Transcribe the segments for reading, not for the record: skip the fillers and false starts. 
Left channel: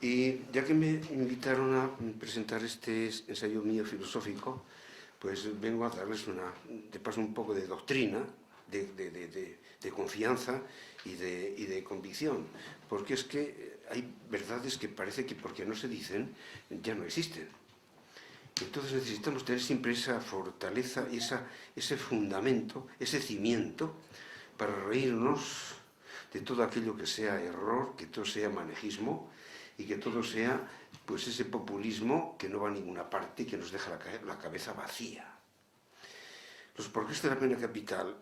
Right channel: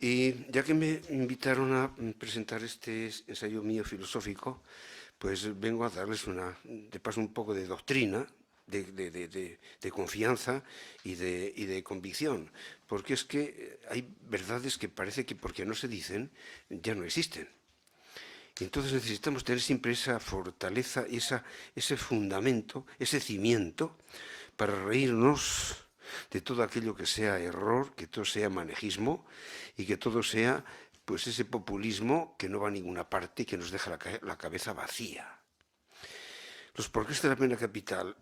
Y ya que me invitaron a presentar este ensayo mío filosófico, pues vengo a darles de paso un poco de doctrina, de confianza y de convicción, porque es que hay verdades que parece que porque no se dicen ya no existen. Y entonces necesitamos tener siempre esa fortaleza, ese fundamento, ese cimiento para reírnos de todo aquello que sea error, que todo sea manejismo y que todo sea pues ese populismo que no va a ninguna parte y que nos deja la cabeza vacía. Los porqués de la pena capital,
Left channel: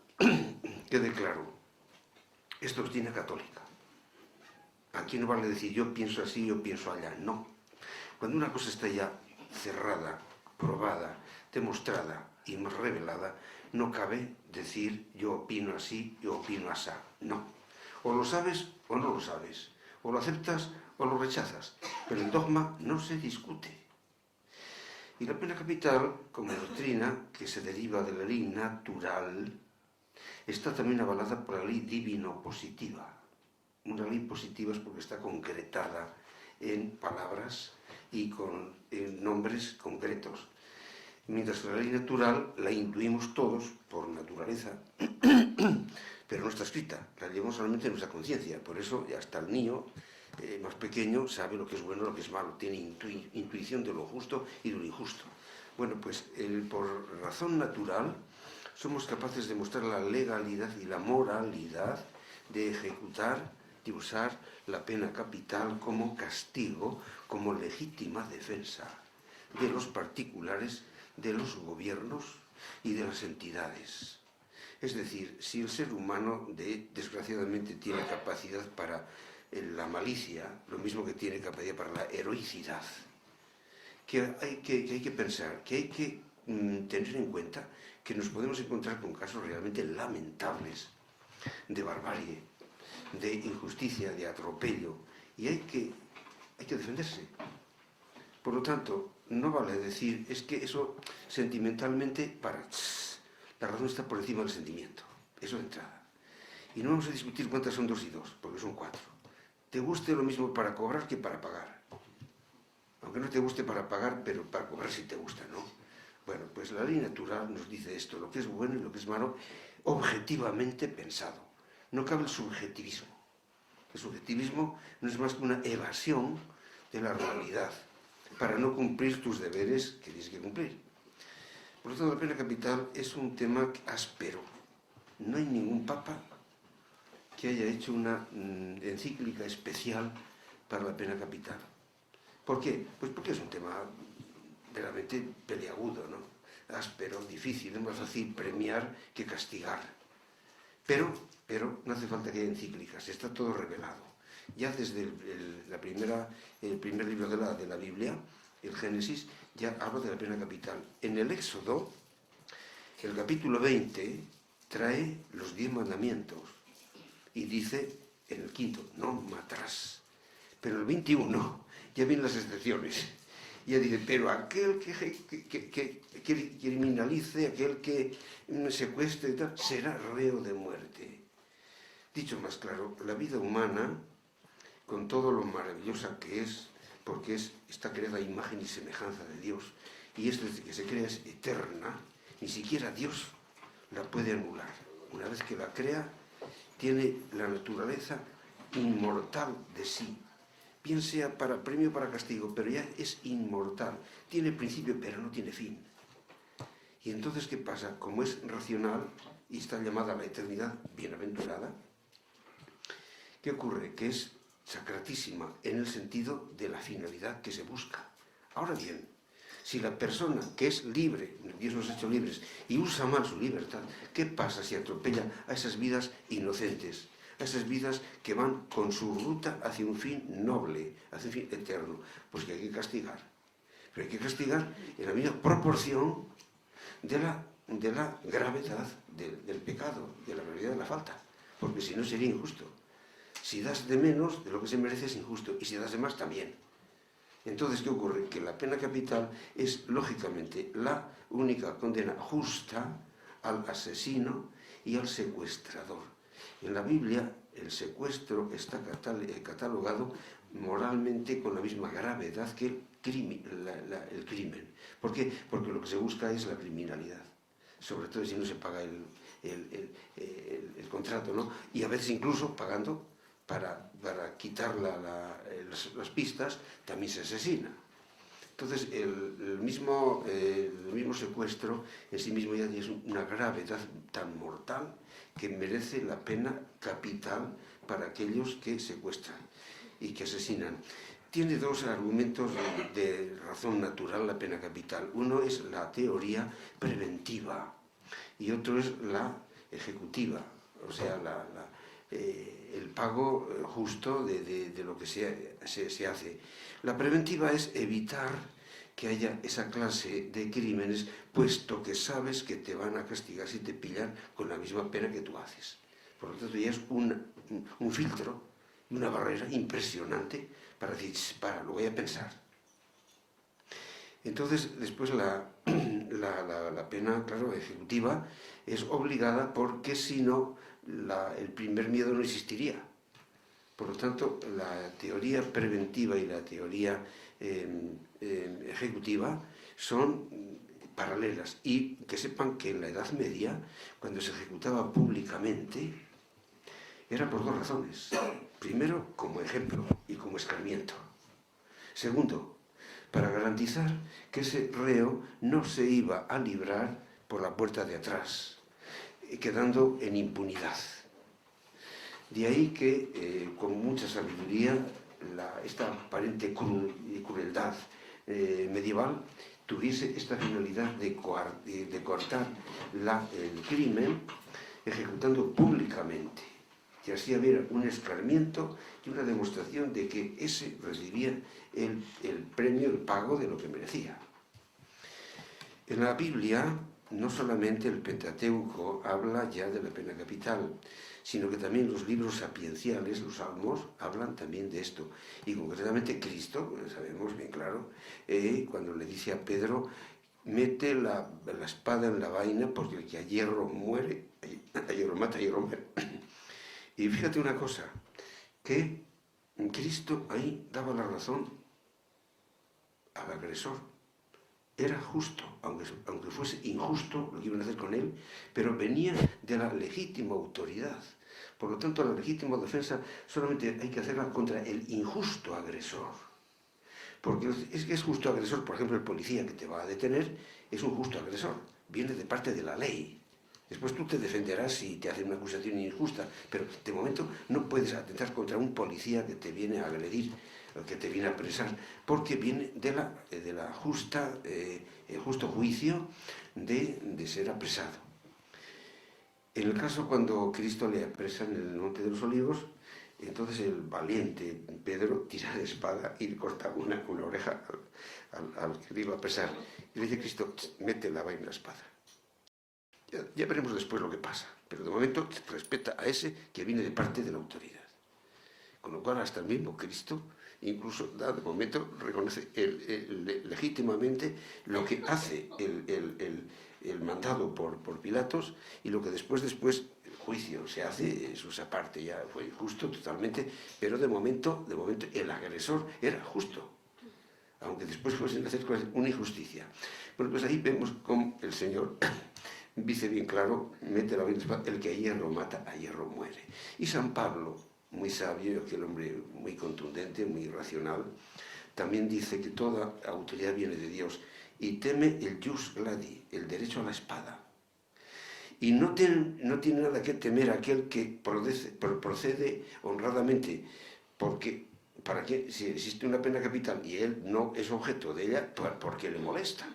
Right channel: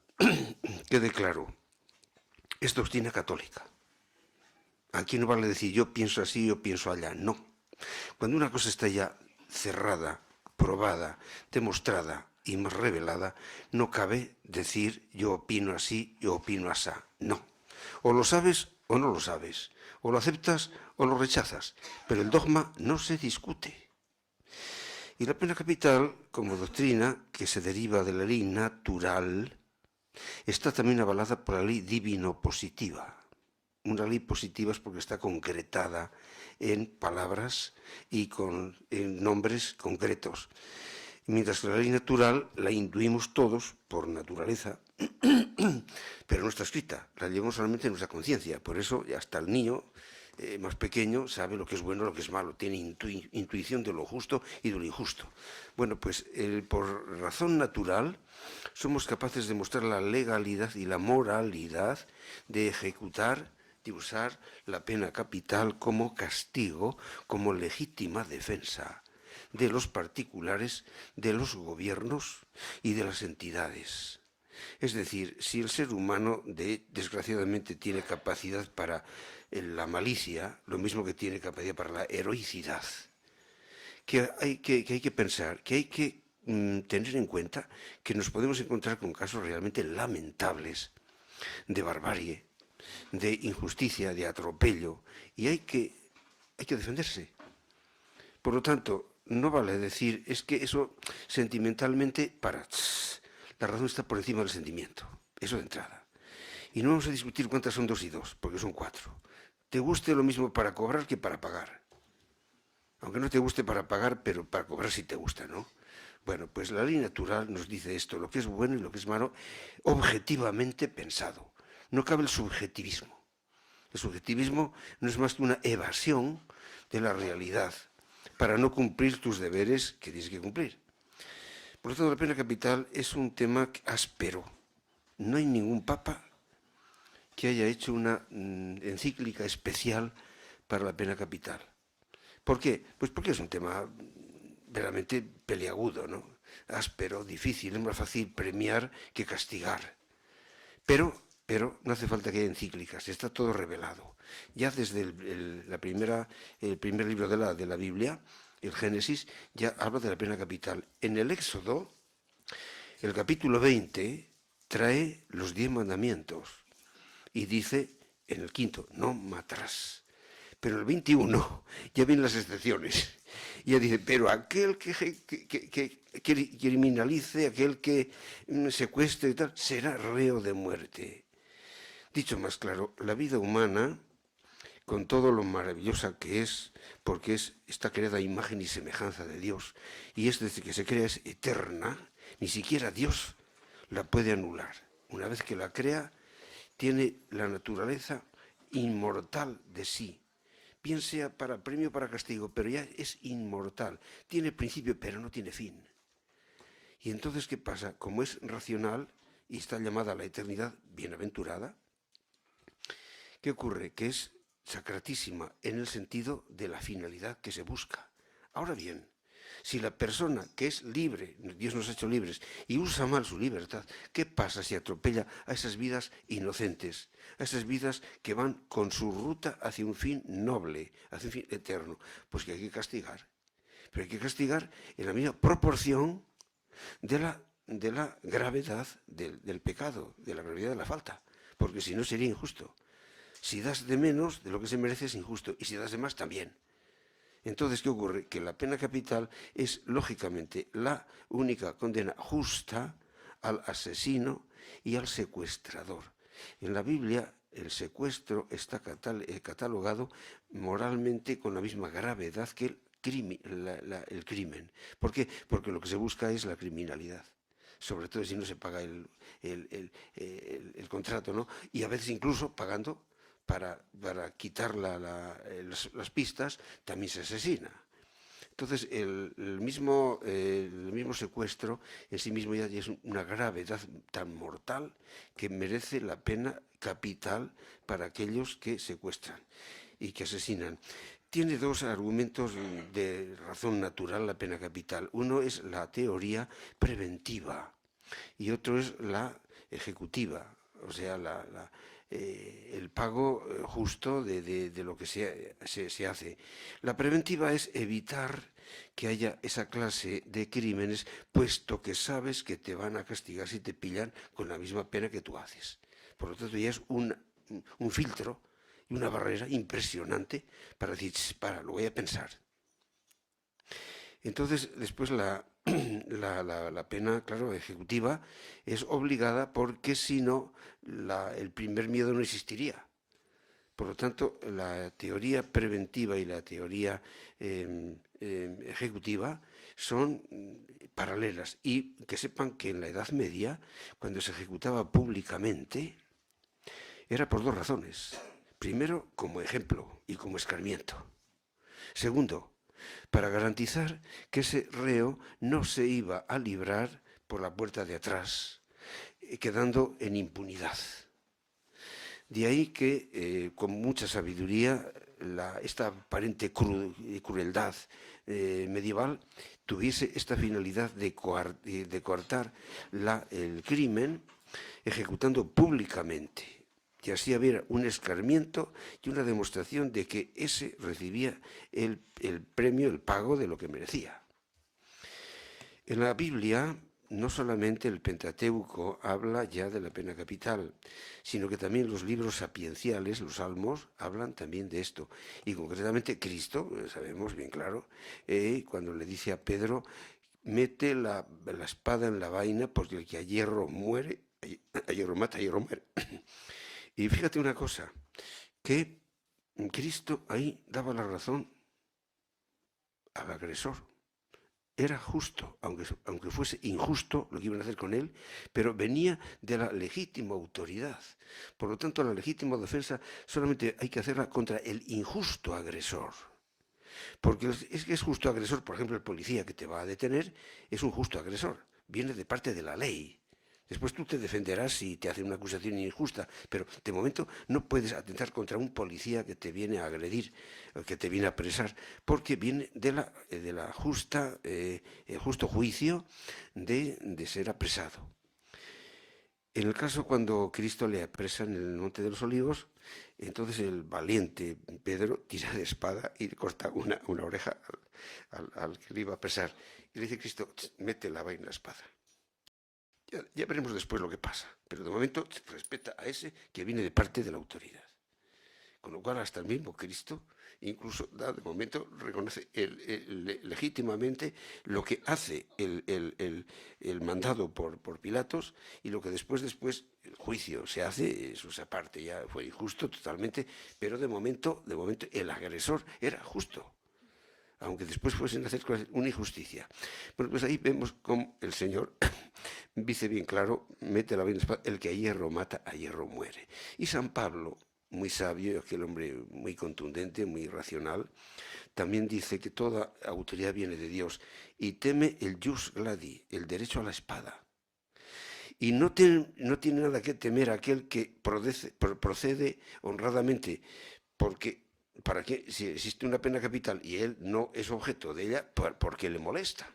quede claro, es doctrina católica. Aquí no vale decir yo pienso así, yo pienso allá, no. Cuando una cosa está ya cerrada, probada, demostrada y más revelada, no cabe decir yo opino así, yo opino asá. No. O lo sabes o no lo sabes. O lo aceptas o lo rechazas. Pero el dogma no se discute. Y la pena capital, como doctrina que se deriva de la ley natural, está también avalada por la ley divino-positiva. Una ley positiva es porque está concretada en palabras y en nombres concretos. Mientras que la ley natural la intuimos todos por naturaleza, pero no está escrita, la llevamos solamente en nuestra conciencia. Por eso hasta el niño más pequeño sabe lo que es bueno y lo que es malo, tiene intuición de lo justo y de lo injusto. Bueno, pues por razón natural somos capaces de mostrar la legalidad y la moralidad de ejecutar, de usar la pena capital como castigo, como legítima defensa de los particulares, de los gobiernos y de las entidades. Es decir, si el ser humano desgraciadamente tiene capacidad para la malicia, lo mismo que tiene capacidad para la heroicidad, que hay que pensar, que hay que tener en cuenta que nos podemos encontrar con casos realmente lamentables de barbarie, de injusticia, de atropello, y hay que defenderse. Por lo tanto, no vale decir, es que eso sentimentalmente, la razón está por encima del sentimiento, eso de entrada. Y no vamos a discutir cuántas son 2 y 2, porque son 4. Te guste lo mismo para cobrar que para pagar. Aunque no te guste para pagar, pero para cobrar sí te gusta, ¿no? Bueno, pues la ley natural nos dice esto, lo que es bueno y lo que es malo, objetivamente pensado. No cabe el subjetivismo. El subjetivismo no es más que una evasión de la realidad para no cumplir tus deberes que tienes que cumplir. Por lo tanto, la pena capital es un tema áspero. No hay ningún papa que haya hecho una encíclica especial para la pena capital. ¿Por qué? Pues porque es un tema verdaderamente peliagudo, ¿no? Áspero, difícil, es más fácil premiar que castigar. Pero no hace falta que haya encíclicas, está todo revelado. Ya desde el primer libro de la Biblia, el Génesis, ya habla de la pena capital. En el Éxodo, el capítulo 20 trae los 10 mandamientos y dice, en el quinto, no matarás. Pero el 21 ya vienen las excepciones. Ya dice, pero aquel que criminalice, aquel que secuestre y tal, será reo de muerte. Dicho más claro, la vida humana, con todo lo maravillosa que es, porque está creada a imagen y semejanza de Dios, y es desde que se crea es eterna, ni siquiera Dios la puede anular. Una vez que la crea, tiene la naturaleza inmortal de sí, bien sea para premio o para castigo, pero ya es inmortal, tiene principio pero no tiene fin. Y entonces, ¿qué pasa? Como es racional y está llamada a la eternidad bienaventurada, ¿qué ocurre? Que es sacratísima en el sentido de la finalidad que se busca. Ahora bien, si la persona que es libre, Dios nos ha hecho libres, y usa mal su libertad, ¿qué pasa si atropella a esas vidas inocentes? A esas vidas que van con su ruta hacia un fin noble, hacia un fin eterno. Pues que hay que castigar. Pero hay que castigar en la misma proporción de la gravedad del pecado, de la gravedad de la falta. Porque si no sería injusto. Si das de menos de lo que se merece es injusto, y si das de más también. Entonces, ¿qué ocurre? Que la pena capital es, lógicamente, la única condena justa al asesino y al secuestrador. En la Biblia, el secuestro está catalogado moralmente con la misma gravedad que el crimen. ¿Por qué? Porque lo que se busca es la criminalidad, sobre todo si no se paga el contrato, ¿no? Y a veces incluso pagando para quitar las pistas, también se asesina. Entonces, el mismo secuestro en sí mismo ya es una gravedad tan mortal que merece la pena capital para aquellos que secuestran y que asesinan. Tiene dos argumentos de razón natural la pena capital. Uno es la teoría preventiva y otro es la ejecutiva, o sea, el pago justo de lo que se hace. La preventiva es evitar que haya esa clase de crímenes, puesto que sabes que te van a castigar si te pillan con la misma pena que tú haces. Por lo tanto, ya es un filtro y una barrera impresionante para decir, lo voy a pensar. Entonces, después la pena, claro, ejecutiva es obligada porque si no, el primer miedo no existiría. Por lo tanto, la teoría preventiva y la teoría ejecutiva son paralelas. Y que sepan que en la Edad Media, cuando se ejecutaba públicamente, era por dos razones. Primero, como ejemplo y como escarmiento. Segundo, para garantizar que ese reo no se iba a librar por la puerta de atrás, quedando en impunidad. De ahí que, con mucha sabiduría, esta aparente crueldad medieval tuviese esta finalidad de coartar el crimen ejecutando públicamente. Y así había un escarmiento y una demostración de que ese recibía el premio, el pago de lo que merecía. En la Biblia, no solamente el Pentateuco habla ya de la pena capital, sino que también los libros sapienciales, los salmos, hablan también de esto. Y concretamente Cristo, sabemos bien claro, cuando le dice a Pedro, mete la espada en la vaina porque el que a hierro muere, a hierro mata, a hierro muere. Y fíjate una cosa, que Cristo ahí daba la razón al agresor. Era justo, aunque fuese injusto lo que iban a hacer con él, pero venía de la legítima autoridad. Por lo tanto, la legítima defensa solamente hay que hacerla contra el injusto agresor. Porque es justo agresor, por ejemplo, el policía que te va a detener es un justo agresor, viene de parte de la ley. Después tú te defenderás si te hacen una acusación injusta, pero de momento no puedes atentar contra un policía que te viene a agredir, que te viene a apresar, porque viene de la el justo juicio de ser apresado. En el caso cuando Cristo le apresa en el Monte de los Olivos, entonces el valiente Pedro tira de espada y le corta una oreja al que le iba a apresar. Y le dice a Cristo, mete la vaina en la espada. Ya veremos después lo que pasa, pero de momento respeta a ese que viene de parte de la autoridad. Con lo cual hasta el mismo Cristo incluso de momento reconoce legítimamente lo que hace el mandado por Pilatos y lo que después el juicio se hace, eso esa parte ya fue injusto totalmente, pero de momento el agresor era justo, aunque después fuesen a hacer una injusticia. Bueno, pues ahí vemos cómo el Señor dice bien claro, mete la vaina en la espada, el que a hierro mata, a hierro muere. Y San Pablo, muy sabio, aquel hombre muy contundente, muy racional, también dice que toda autoridad viene de Dios y teme el jus gladi, el derecho a la espada. Y no tiene nada que temer aquel que procede honradamente, porque ¿para qué? Si existe una pena capital y él no es objeto de ella, ¿por qué le molesta?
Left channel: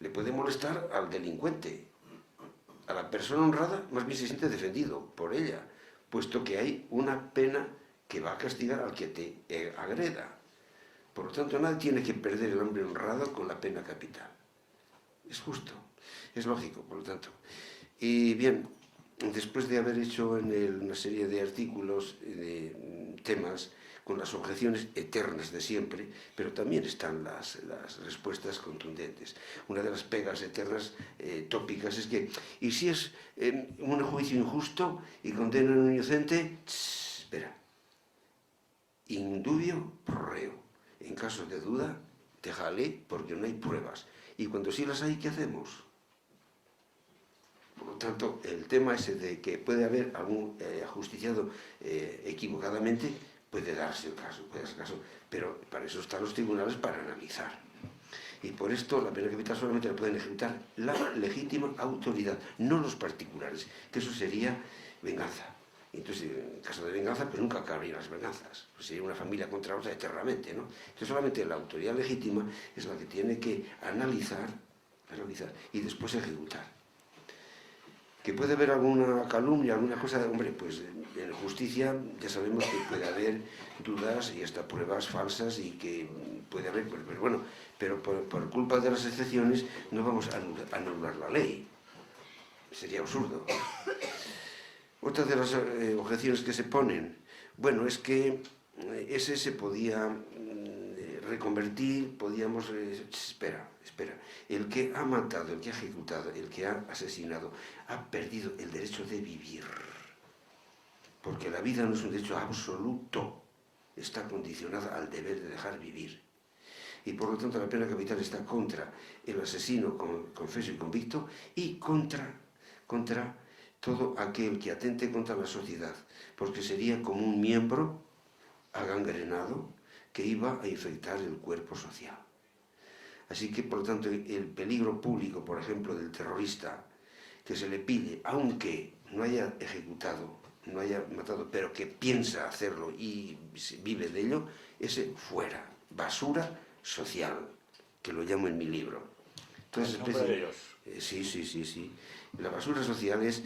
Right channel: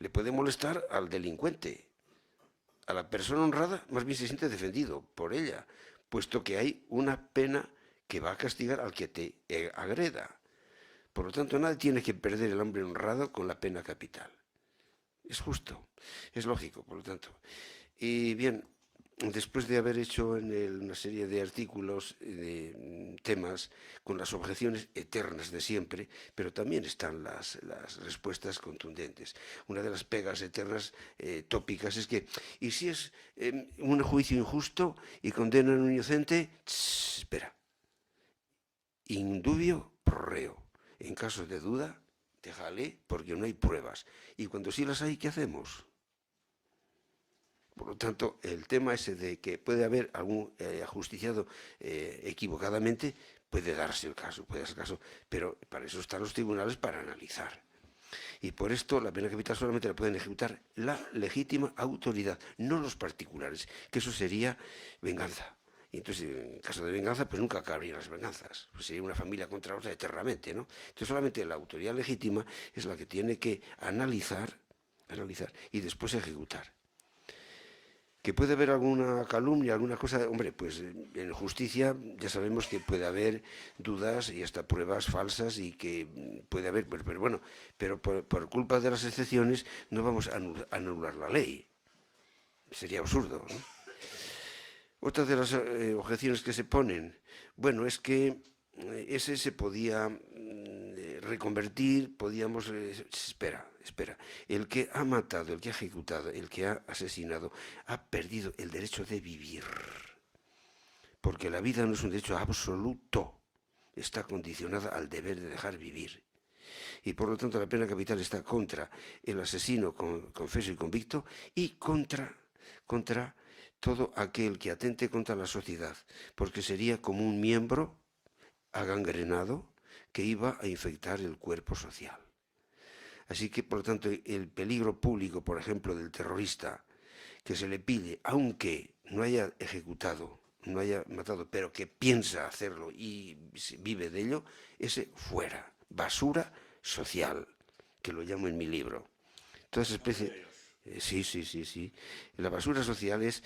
Le puede molestar al delincuente. A la persona honrada más bien se siente defendido por ella, puesto que hay una pena que va a castigar al que te agreda. Por lo tanto, nadie tiene que perder el hombre honrado con la pena capital. Es justo, es lógico, por lo tanto. Y bien, después de haber hecho una serie de artículos temas con las objeciones eternas de siempre, pero también están las respuestas contundentes. Una de las pegas eternas tópicas es que, ¿y si es un juicio injusto y condenan a un inocente? Espera. In dubio pro reo. En caso de duda, déjale porque no hay pruebas. Y cuando sí las hay, ¿qué hacemos? Por lo tanto, el tema ese de que puede haber algún ajusticiado equivocadamente, puede darse el caso, pero para eso están los tribunales para analizar. Y por esto la pena capital solamente la pueden ejecutar la legítima autoridad, no los particulares, que eso sería venganza. Y entonces, en caso de venganza, pues nunca acabarían las venganzas. Pues sería una familia contra otra eternamente, ¿no? Entonces solamente la autoridad legítima es la que tiene que analizar y después ejecutar. ¿Que puede haber alguna calumnia, alguna cosa? Hombre, pues en justicia ya sabemos que puede haber dudas y hasta pruebas falsas y que puede haber, pero bueno, pero por culpa de las excepciones no vamos a anular la ley. Sería absurdo, ¿no? Otra de las objeciones que se ponen, bueno, es que ese se podía reconvertir, podíamos... Espera. El que ha matado, el que ha ejecutado, el que ha asesinado, ha perdido el derecho de vivir. Porque la vida no es un derecho absoluto. Está condicionada al deber de dejar vivir. Y por lo tanto la pena capital está contra el asesino confeso y convicto y contra todo aquel que atente contra la sociedad. Porque sería como un miembro agangrenado que iba a infectar el cuerpo social. Así que, por lo tanto, el peligro público, por ejemplo, del terrorista, que se le pide, aunque no haya ejecutado, no haya matado, pero que piensa hacerlo y vive de ello, ese fuera, basura social, que lo llamo en mi libro. Entonces, sí. La basura social es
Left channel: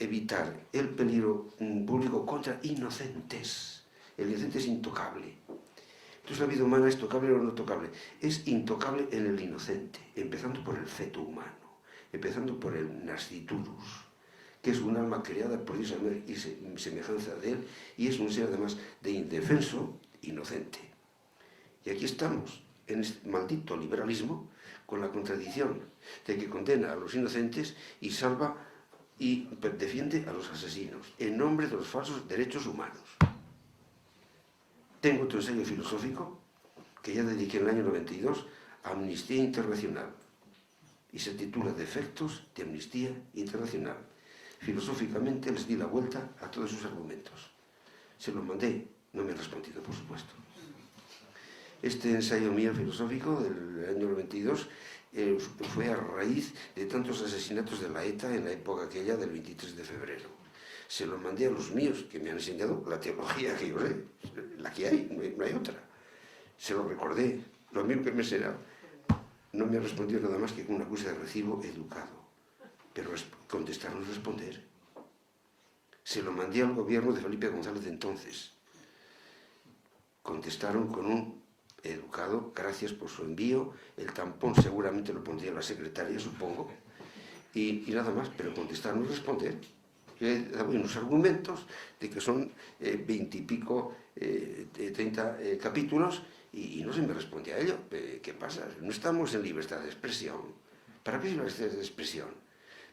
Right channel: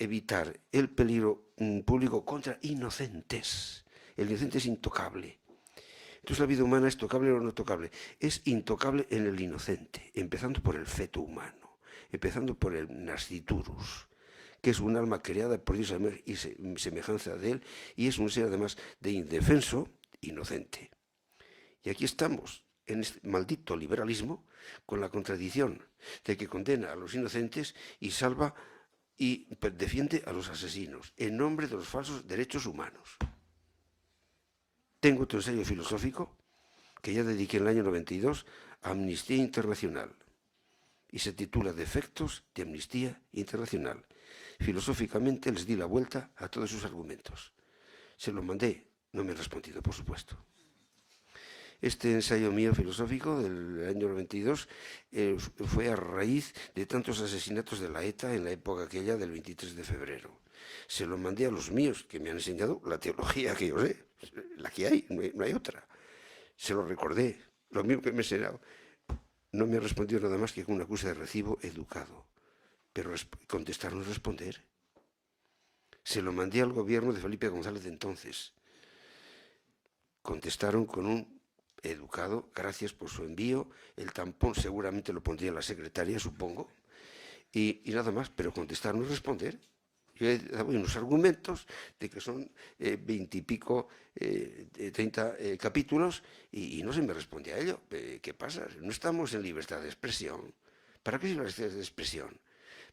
evitar el peligro público contra inocentes. El inocente es intocable. Entonces la vida humana es tocable o no tocable. Es intocable en el inocente, empezando por el feto humano, empezando por el nasciturus, que es un alma creada por Dios y semejanza de él, y es un ser además de indefenso, inocente. Y aquí estamos, en este maldito liberalismo, con la contradicción de que condena a los inocentes y salva y defiende a los asesinos, en nombre de los falsos derechos humanos. Tengo otro ensayo filosófico que ya dediqué en el año 92 a Amnistía Internacional y se titula Defectos de Amnistía Internacional. Filosóficamente les di la vuelta a todos sus argumentos. Se los mandé, no me han respondido, por supuesto. Este ensayo mío filosófico del año 92 fue a raíz de tantos asesinatos de la ETA en la época aquella del 23 de febrero. Se lo mandé a los míos, que me han enseñado la teología que yo sé, la que hay, no hay otra. Se lo recordé, lo mismo que me he enseñado. No me ha respondido nada más que con una acusa de recibo educado. Pero contestar no es responder. Se lo mandé al gobierno de Felipe González de entonces. Contestaron con un educado, gracias por su envío. El tampón seguramente lo pondría la secretaria, supongo. Y nada más, pero contestar no es responder. Yo he dado unos argumentos de que son 20 y pico, 30 capítulos y no se me responde a ello. ¿Qué pasa? No estamos en libertad de expresión. ¿Para qué es la libertad de expresión?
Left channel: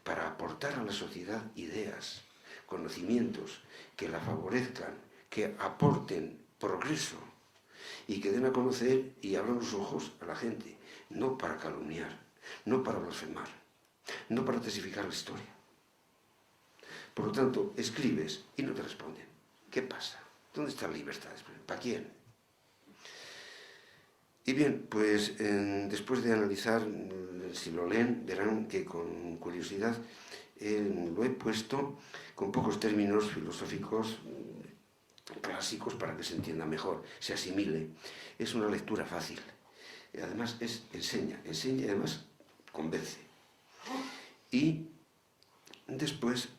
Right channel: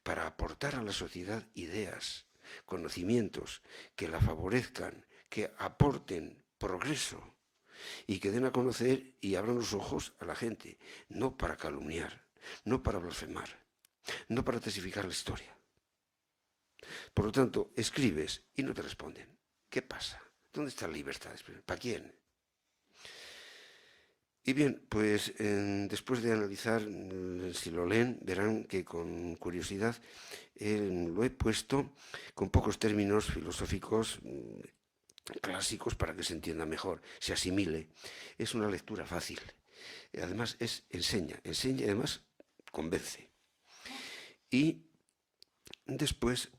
Para aportar a la sociedad ideas, conocimientos que la favorezcan, que aporten progreso y que den a conocer y abran los ojos a la gente, no para calumniar, no para blasfemar, no para testificar la historia. Por lo tanto, escribes y no te responden. ¿Qué pasa? ¿Dónde está la libertad? ¿Para quién? Y bien, pues después de analizar, si lo leen, verán que con curiosidad lo he puesto con pocos términos filosóficos clásicos para que se entienda mejor, se asimile. Es una lectura fácil. Además, enseña y además convence. Y después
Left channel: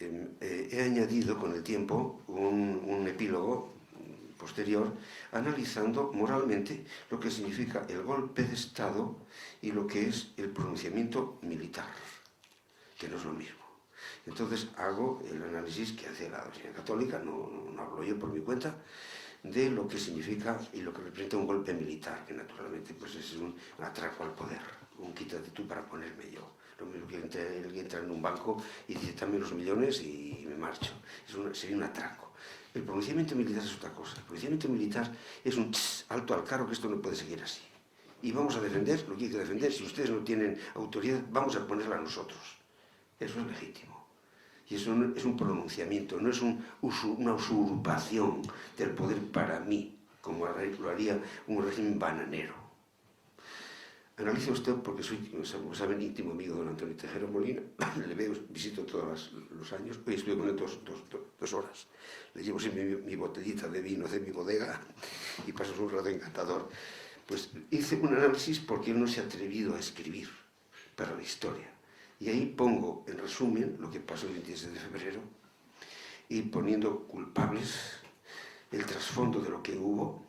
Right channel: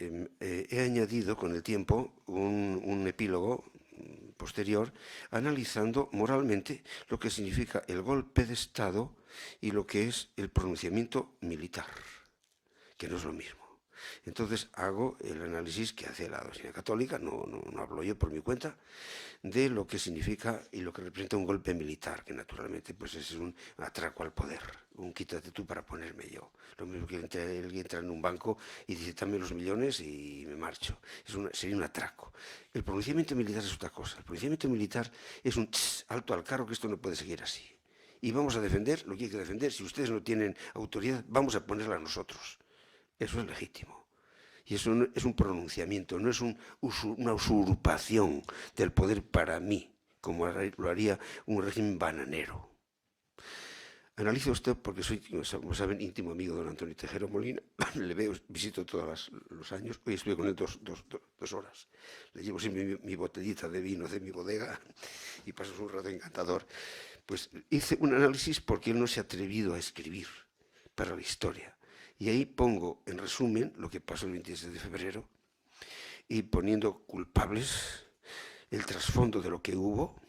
he añadido con el tiempo un epílogo posterior analizando moralmente lo que significa el golpe de Estado y lo que es el pronunciamiento militar, que no es lo mismo. Entonces hago el análisis que hace la doctrina católica, no hablo yo por mi cuenta, de lo que significa y lo que representa un golpe militar, que naturalmente pues es un atraco al poder, un quítate tú para ponerme yo. Lo mismo que alguien entra en un banco y dice dame los millones y me marcho. Sería un atraco. El pronunciamiento militar es otra cosa. El pronunciamiento militar es un alto al carro, que esto no puede seguir así. Y vamos a defender lo que hay que defender. Si ustedes no tienen autoridad, vamos a ponerla a nosotros. Eso es legítimo. Y eso es un pronunciamiento, no es una usurpación del poder para mí, como lo haría un régimen bananero. Analizo esto porque soy, como saben, íntimo amigo de don Antonio Tejero Molina. Le veo, visito todos los años. Hoy estuve con él dos horas. Le llevo siempre mi botellita de vino de mi bodega y paso un rato encantador. Pues hice un análisis porque él no se ha atrevido a escribir para la historia. Y ahí pongo, en resumen, lo que pasó el 27 de febrero y poniendo culpables el trasfondo de lo que hubo,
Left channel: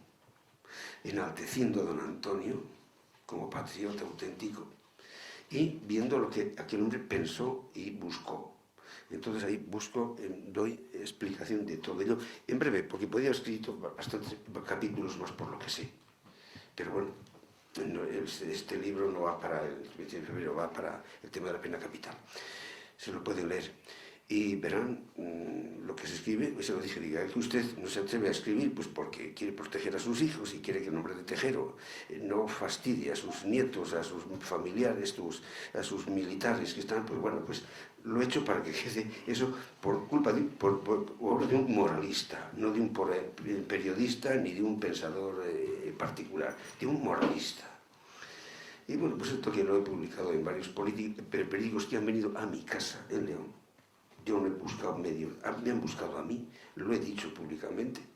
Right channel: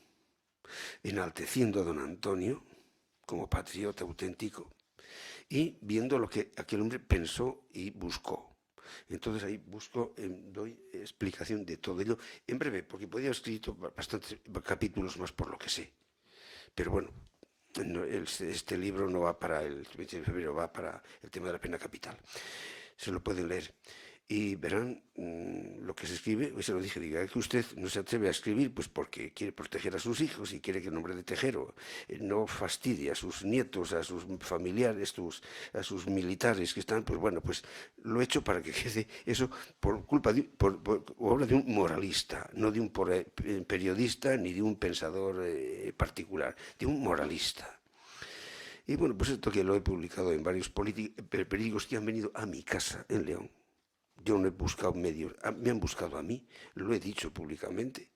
enalteciendo a don Antonio como patriota auténtico y viendo lo que aquel hombre pensó y buscó. Entonces ahí doy explicación de todo ello en breve, porque podría haber escrito bastantes capítulos más por lo que sé. Pero bueno, este libro no va para el 20 de febrero, va para el tema de la pena capital. Se lo pueden leer y verán lo que se escribe. Se lo dije, diga que usted no se atreve a escribir pues porque quiere proteger a sus hijos y quiere que el nombre de Tejero no fastidie a sus nietos, a sus familiares, a sus militares que están, pues bueno, pues lo he hecho para que quede eso por culpa por obra de un moralista, no de un periodista ni de un pensador particular, de un moralista. Y bueno, pues esto que lo he publicado en varios periódicos que han venido a mi casa en León. Yo no he buscado medios, me han buscado a mí, lo he dicho públicamente,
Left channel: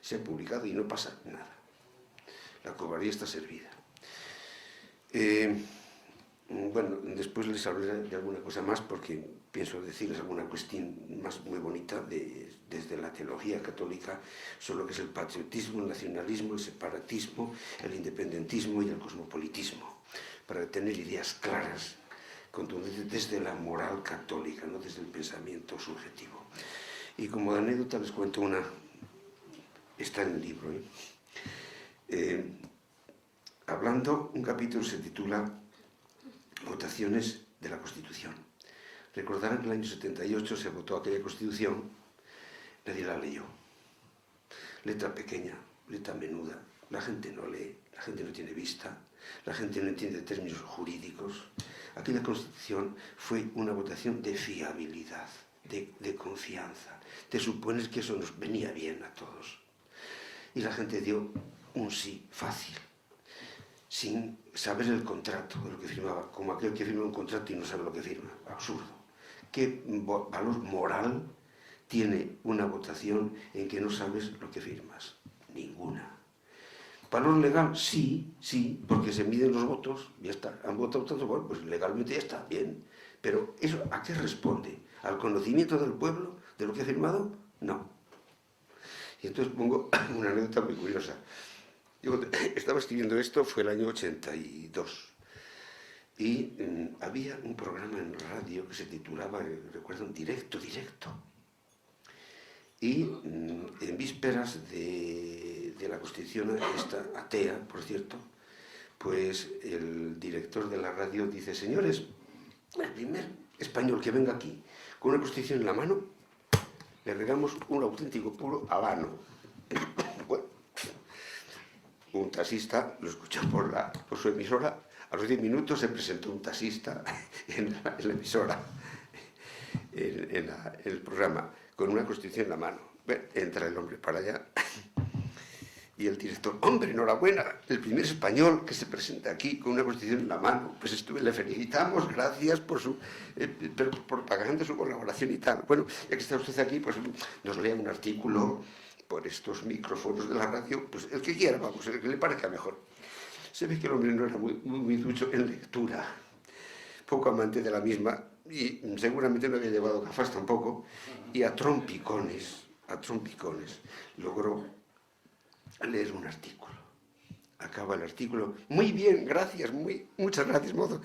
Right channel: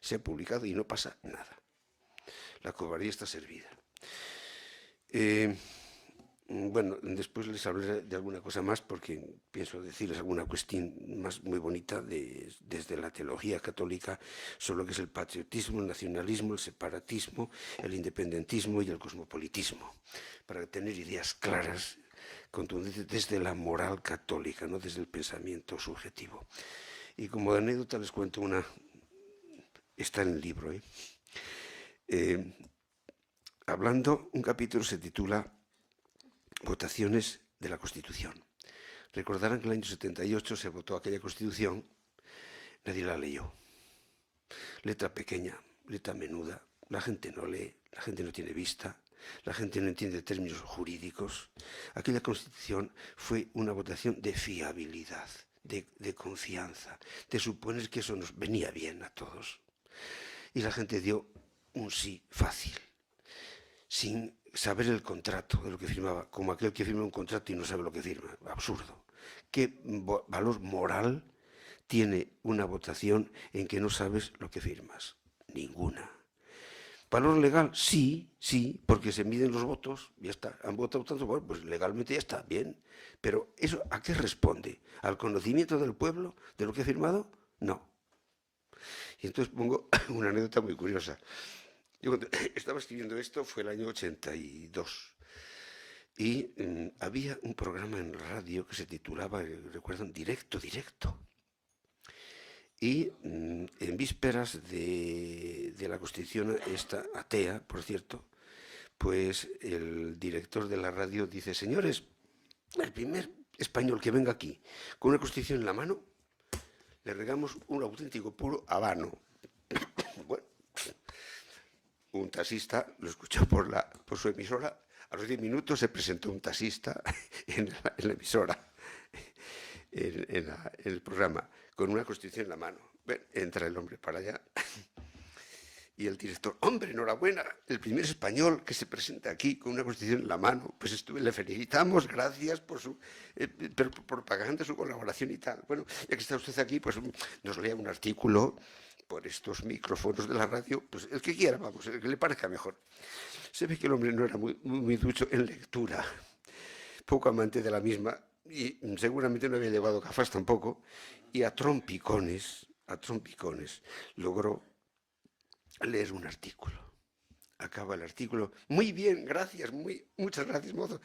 se ha publicado y no pasa nada. La cobardía está servida. Bueno, después les hablaré de alguna cosa más porque pienso decirles alguna cuestión más muy bonita desde la teología católica sobre lo que es el patriotismo, el nacionalismo, el separatismo, el independentismo y el cosmopolitismo, para tener ideas claras, contundentes desde la moral católica, no desde el pensamiento subjetivo. Y como anécdota les cuento una, está en el libro, hablando, un capítulo se titula Votaciones de la Constitución. Recordarán que en el año 78 se votó aquella Constitución, nadie la leyó. Letra pequeña, letra menuda, la gente no lee, la gente no tiene vista, la gente no entiende términos jurídicos. Aquella Constitución fue una votación de fiabilidad, de confianza, de suponer que eso nos venía bien a todos. Y la gente dio un sí fácil, sin saber el contrato de lo que firmaba, como aquel que firma un contrato y no sabe lo que firma. Absurdo. ¿Qué valor moral tiene una votación en que no sabes lo que firmas? Ninguna. ¿Valor legal? Sí, porque se miden los votos, ya está. Han votado tanto, bueno, pues legalmente ya está, bien. Pero ¿eso a qué responde? ¿Al conocimiento del pueblo de lo que ha firmado? No. Y entonces pongo una anécdota muy curiosa. Yo estaba escribiendo esto, fue el año 82, y había un programa en radio que se titulaba, recuerdan, Directo. Y en vísperas de la Constitución esta atea, por cierto, pues el director de la radio dice, señores, el primer español que venga aquí con una Constitución en la mano, le regamos un auténtico puro habano. Bueno, un taxista lo escuchó por su emisora. A los 10 minutos se presentó un taxista en la emisora, en el programa, con una Constitución en la mano. Bueno, entra el hombre para allá y el director, hombre, enhorabuena, el primer español que se presenta aquí con una Constitución en la mano. Pues le felicitamos, gracias por su propaganda, su colaboración y tal. Bueno, ya que está usted aquí, pues nos lea un artículo por estos micrófonos de la radio, pues el que quiera, vamos, el que le parezca mejor. Se ve que el hombre no era muy ducho en lectura, poco amante de la misma, y seguramente no había llevado gafas tampoco, y a trompicones, logró leer un artículo. acaba el artículo. Muy bien, gracias, muchas gracias, mozo.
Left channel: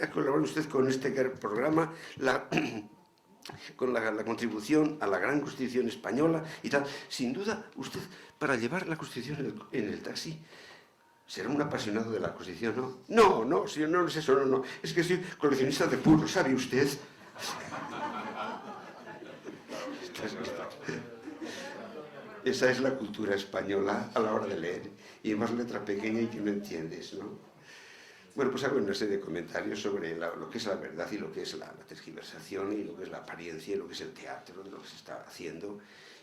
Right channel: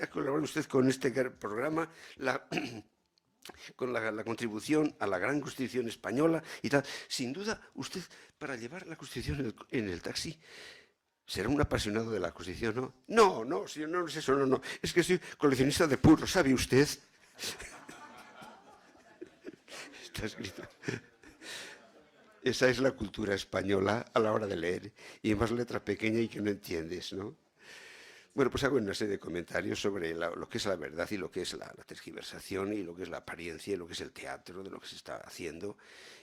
Ha colaborado usted con este programa, con la contribución a la gran Constitución española y tal. Sin duda, usted, para llevar la Constitución en el taxi, será un apasionado de la Constitución, ¿no? No, no, señor, no es eso, no, no. Es que soy coleccionista de puros, ¿sabe usted? Está escrito. Esa es la cultura española a la hora de leer. Y más letra pequeña y que no entiendes, ¿no? Bueno, pues hago una serie de comentarios sobre lo que es la verdad y lo que es la tergiversación y lo que es la apariencia y lo que es el teatro de lo que se está haciendo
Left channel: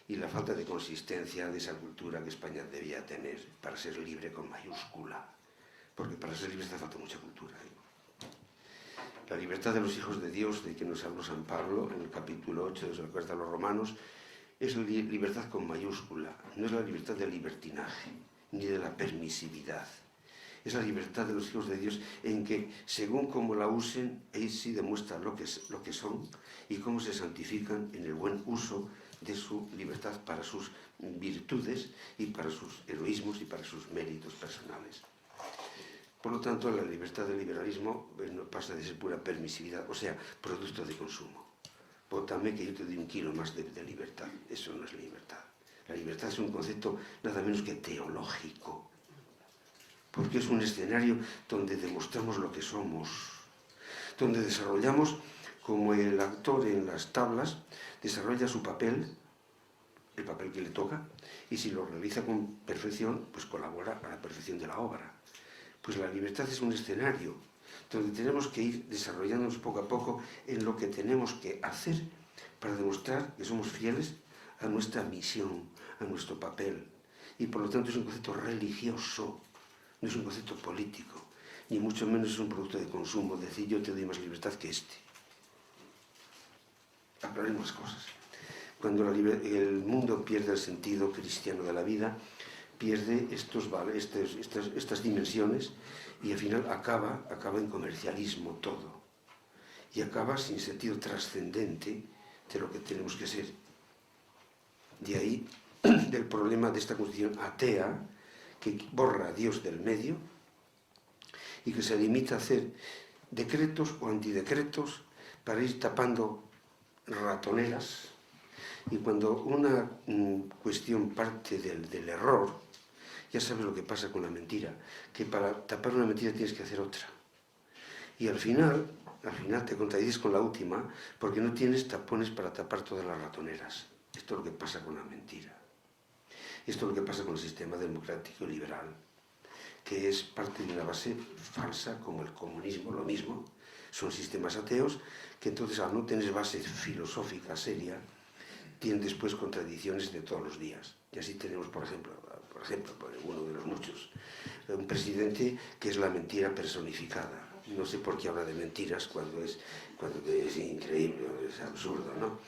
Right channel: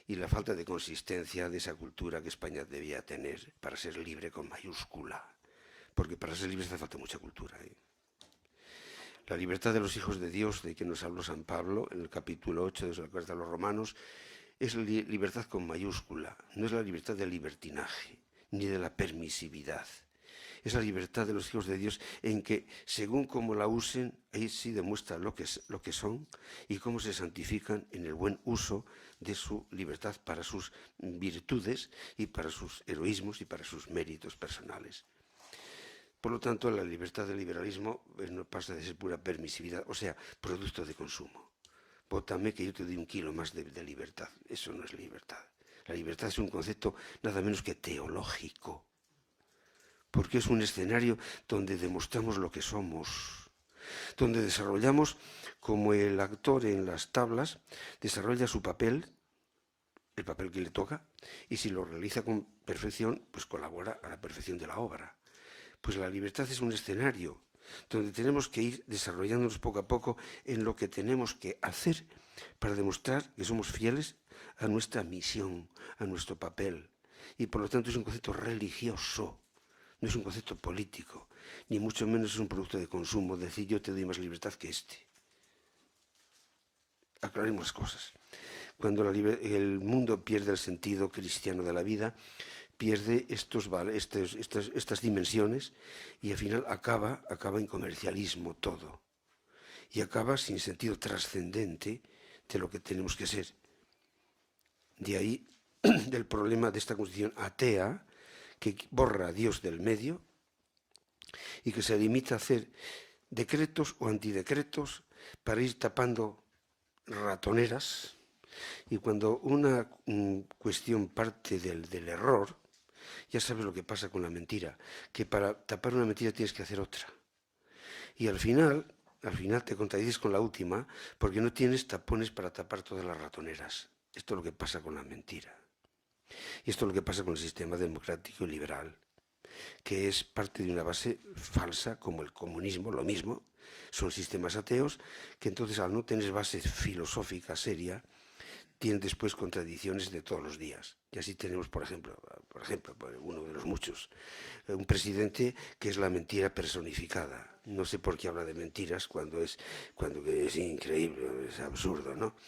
y la falta de consistencia de esa cultura que España debía tener para ser libre con mayúscula. Porque para ser libre hace falta mucha cultura, ¿eh? La libertad de los hijos de Dios, de que nos habló San Pablo en el capítulo 8 de la Carta a los Romanos, es libertad con mayúscula, no es la libertad del libertinaje, ni de la permisividad. Es la libertad de los hijos de Dios en que, según cómo la usen, ahí sí demuestra lo que son y cómo se santifican en el buen uso de su libertad para sus virtudes y para sus heroísmos y para sus méritos personales. Por lo tanto, la libertad del liberalismo no pasa de ser pura permisividad, o sea, producto de consumo. Pótame que yo te doy un kilo más de libertad. Eso no es libertad. La libertad es un concepto nada menos que teológico, porque es un escenario donde demostramos lo que somos, donde desarrollamos, como el actor en las tablas, desarrolla su papel, el papel que le toca, y si lo realiza con perfección, pues colabora a la perfección de la obra. Pues la libertad es un escenario donde tenemos que ir desarrollándonos poco a poco en lo que tenemos que hacer para demostrar que somos fieles a nuestra misión, a nuestro papel. Y por lo tanto es un concepto religioso, no es un concepto político, ni mucho menos es un producto de consumo, decir yo te doy más libertad que este. Aclaremos las cosas. Cuando el mundo pierde el sentido cristiano de la vida, pierde estas dimensiones y al final acaba en comercialismo todo. Y acaba sin sentido trascendente de lo que tenemos que ser. De ahí del problema de esta constitución atea que borra a Dios del medio y que se limita a hacer decretos o antidecretos para ir tapando ratoneras. Y cuando una cuestión parte del error, ya sabes lo que pasa con la mentira, que para tapar una mentira tienes que hacer otra. Y al final te contradices con la última porque no tienes tapones para tapar todas las ratoneras. Esto es lo que pasa con la mentira. Y esto es lo que pasa con el sistema democrático y liberal, que es parte de una base falsa como el comunismo, lo mismo. Son sistemas ateos que entonces al no tener base filosófica seria, tienen después contradicciones de todos los días. Y así tenemos, por ejemplo, uno de los muchos, un presidente que es la mentira personificada. No sé por qué habla de mentiras cuando es increíble, es absurdo, ¿no?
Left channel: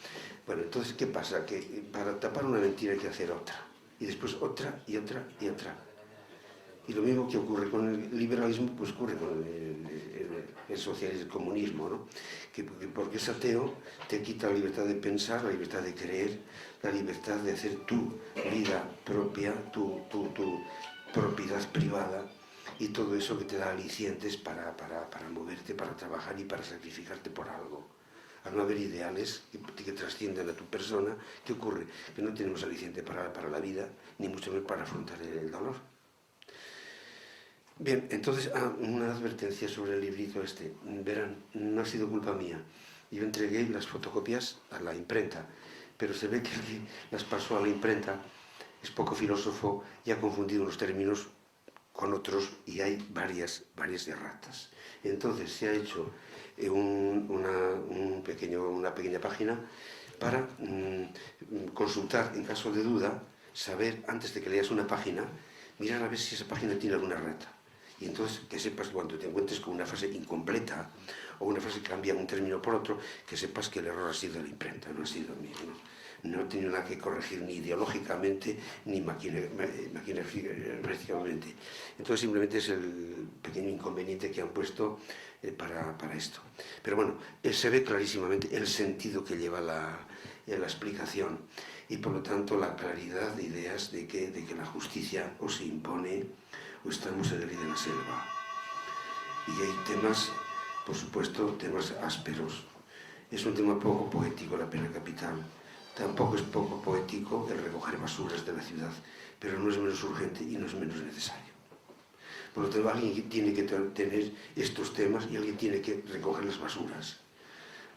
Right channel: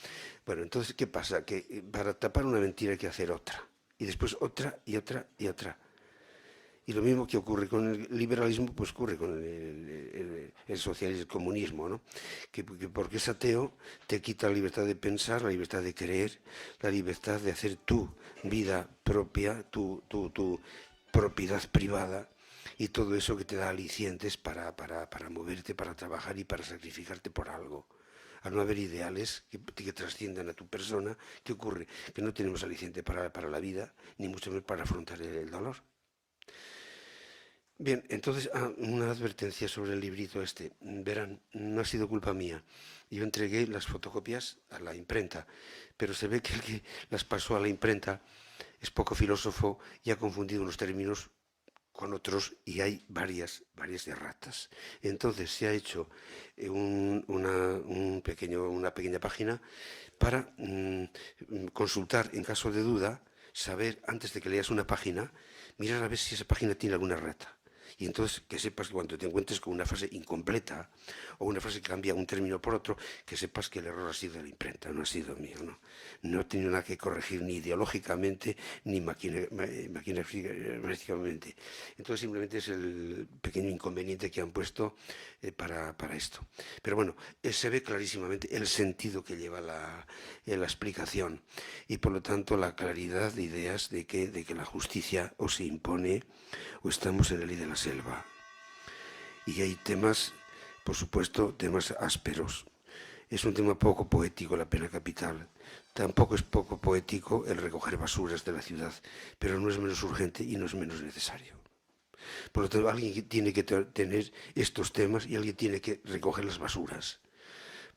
Bueno, entonces, ¿qué pasa? Que para tapar una mentira hay que hacer otra. Y después otra y otra y otra. Y lo mismo que ocurre con el liberalismo, pues ocurre con el socialismo, el comunismo, ¿no? Que porque es ateo, te quita la libertad de pensar, la libertad de creer, la libertad de hacer tu vida propia, tu propiedad privada y todo eso que te da alicientes para moverte, para trabajar y para sacrificarte por algo. Al no haber ideales que trasciendan a tu persona, ¿qué ocurre? Que no tenemos aliciente para la vida, ni mucho menos para afrontar el dolor. Bien, entonces, una advertencia sobre el librito este. Verán, no ha sido culpa mía. Yo entregué las fotocopias a la imprenta, pero se ve que el que las pasó a la imprenta es poco filósofo y ha confundido los términos con otros y hay varias erratas. Entonces se ha hecho una pequeña página para consultar en caso de duda, saber antes de que leas una página, mirar a ver si esa página tiene alguna errata. Y entonces que sepas que cuando te encuentres con una frase incompleta o una frase que cambia un término por otro, que sepas que el error ha sido de la imprenta, no ha sido mío, ¿no? No he tenido nada que corregir ni ideológicamente ni maquinalmente. Entonces simplemente es el pequeño inconveniente que han puesto para esto. Pero bueno, se ve clarísimamente el sentido que lleva la explicación y por lo tanto la claridad de ideas de que la justicia o se impone o estamos en la ley de la selva. Y hay temas, por supuesto, temas ásperos. Es un tema poco poético la pena capital. Tampoco es poco poético el recoger basuras de la ciudad, pero no es menos urgente y no es menos necesario. Por lo tanto, alguien tiene que tener estos temas y alguien tiene que recoger las basuras.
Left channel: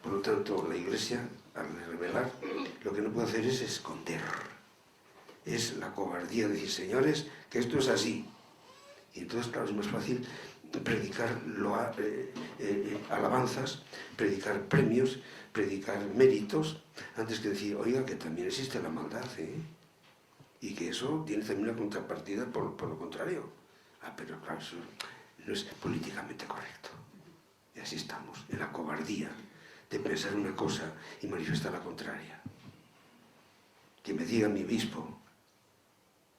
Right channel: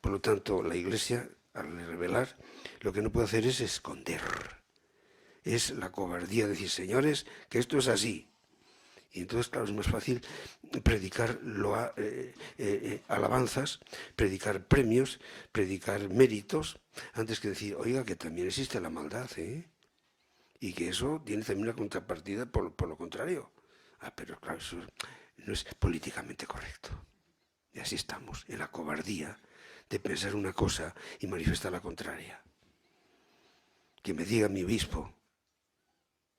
Por lo tanto, la Iglesia, al revelar, lo que no puede hacer es esconder. Es la cobardía de decir, señores, que esto es así. Y entonces, claro, es más fácil predicar alabanzas, predicar premios, predicar méritos, antes que decir, oiga, que también existe la maldad, ¿eh? Y que eso tiene también una contrapartida por lo contrario. Pero claro, eso no es políticamente correcto. Y así estamos, en la cobardía de pensar una cosa y manifestar la contraria. Que me diga mi obispo,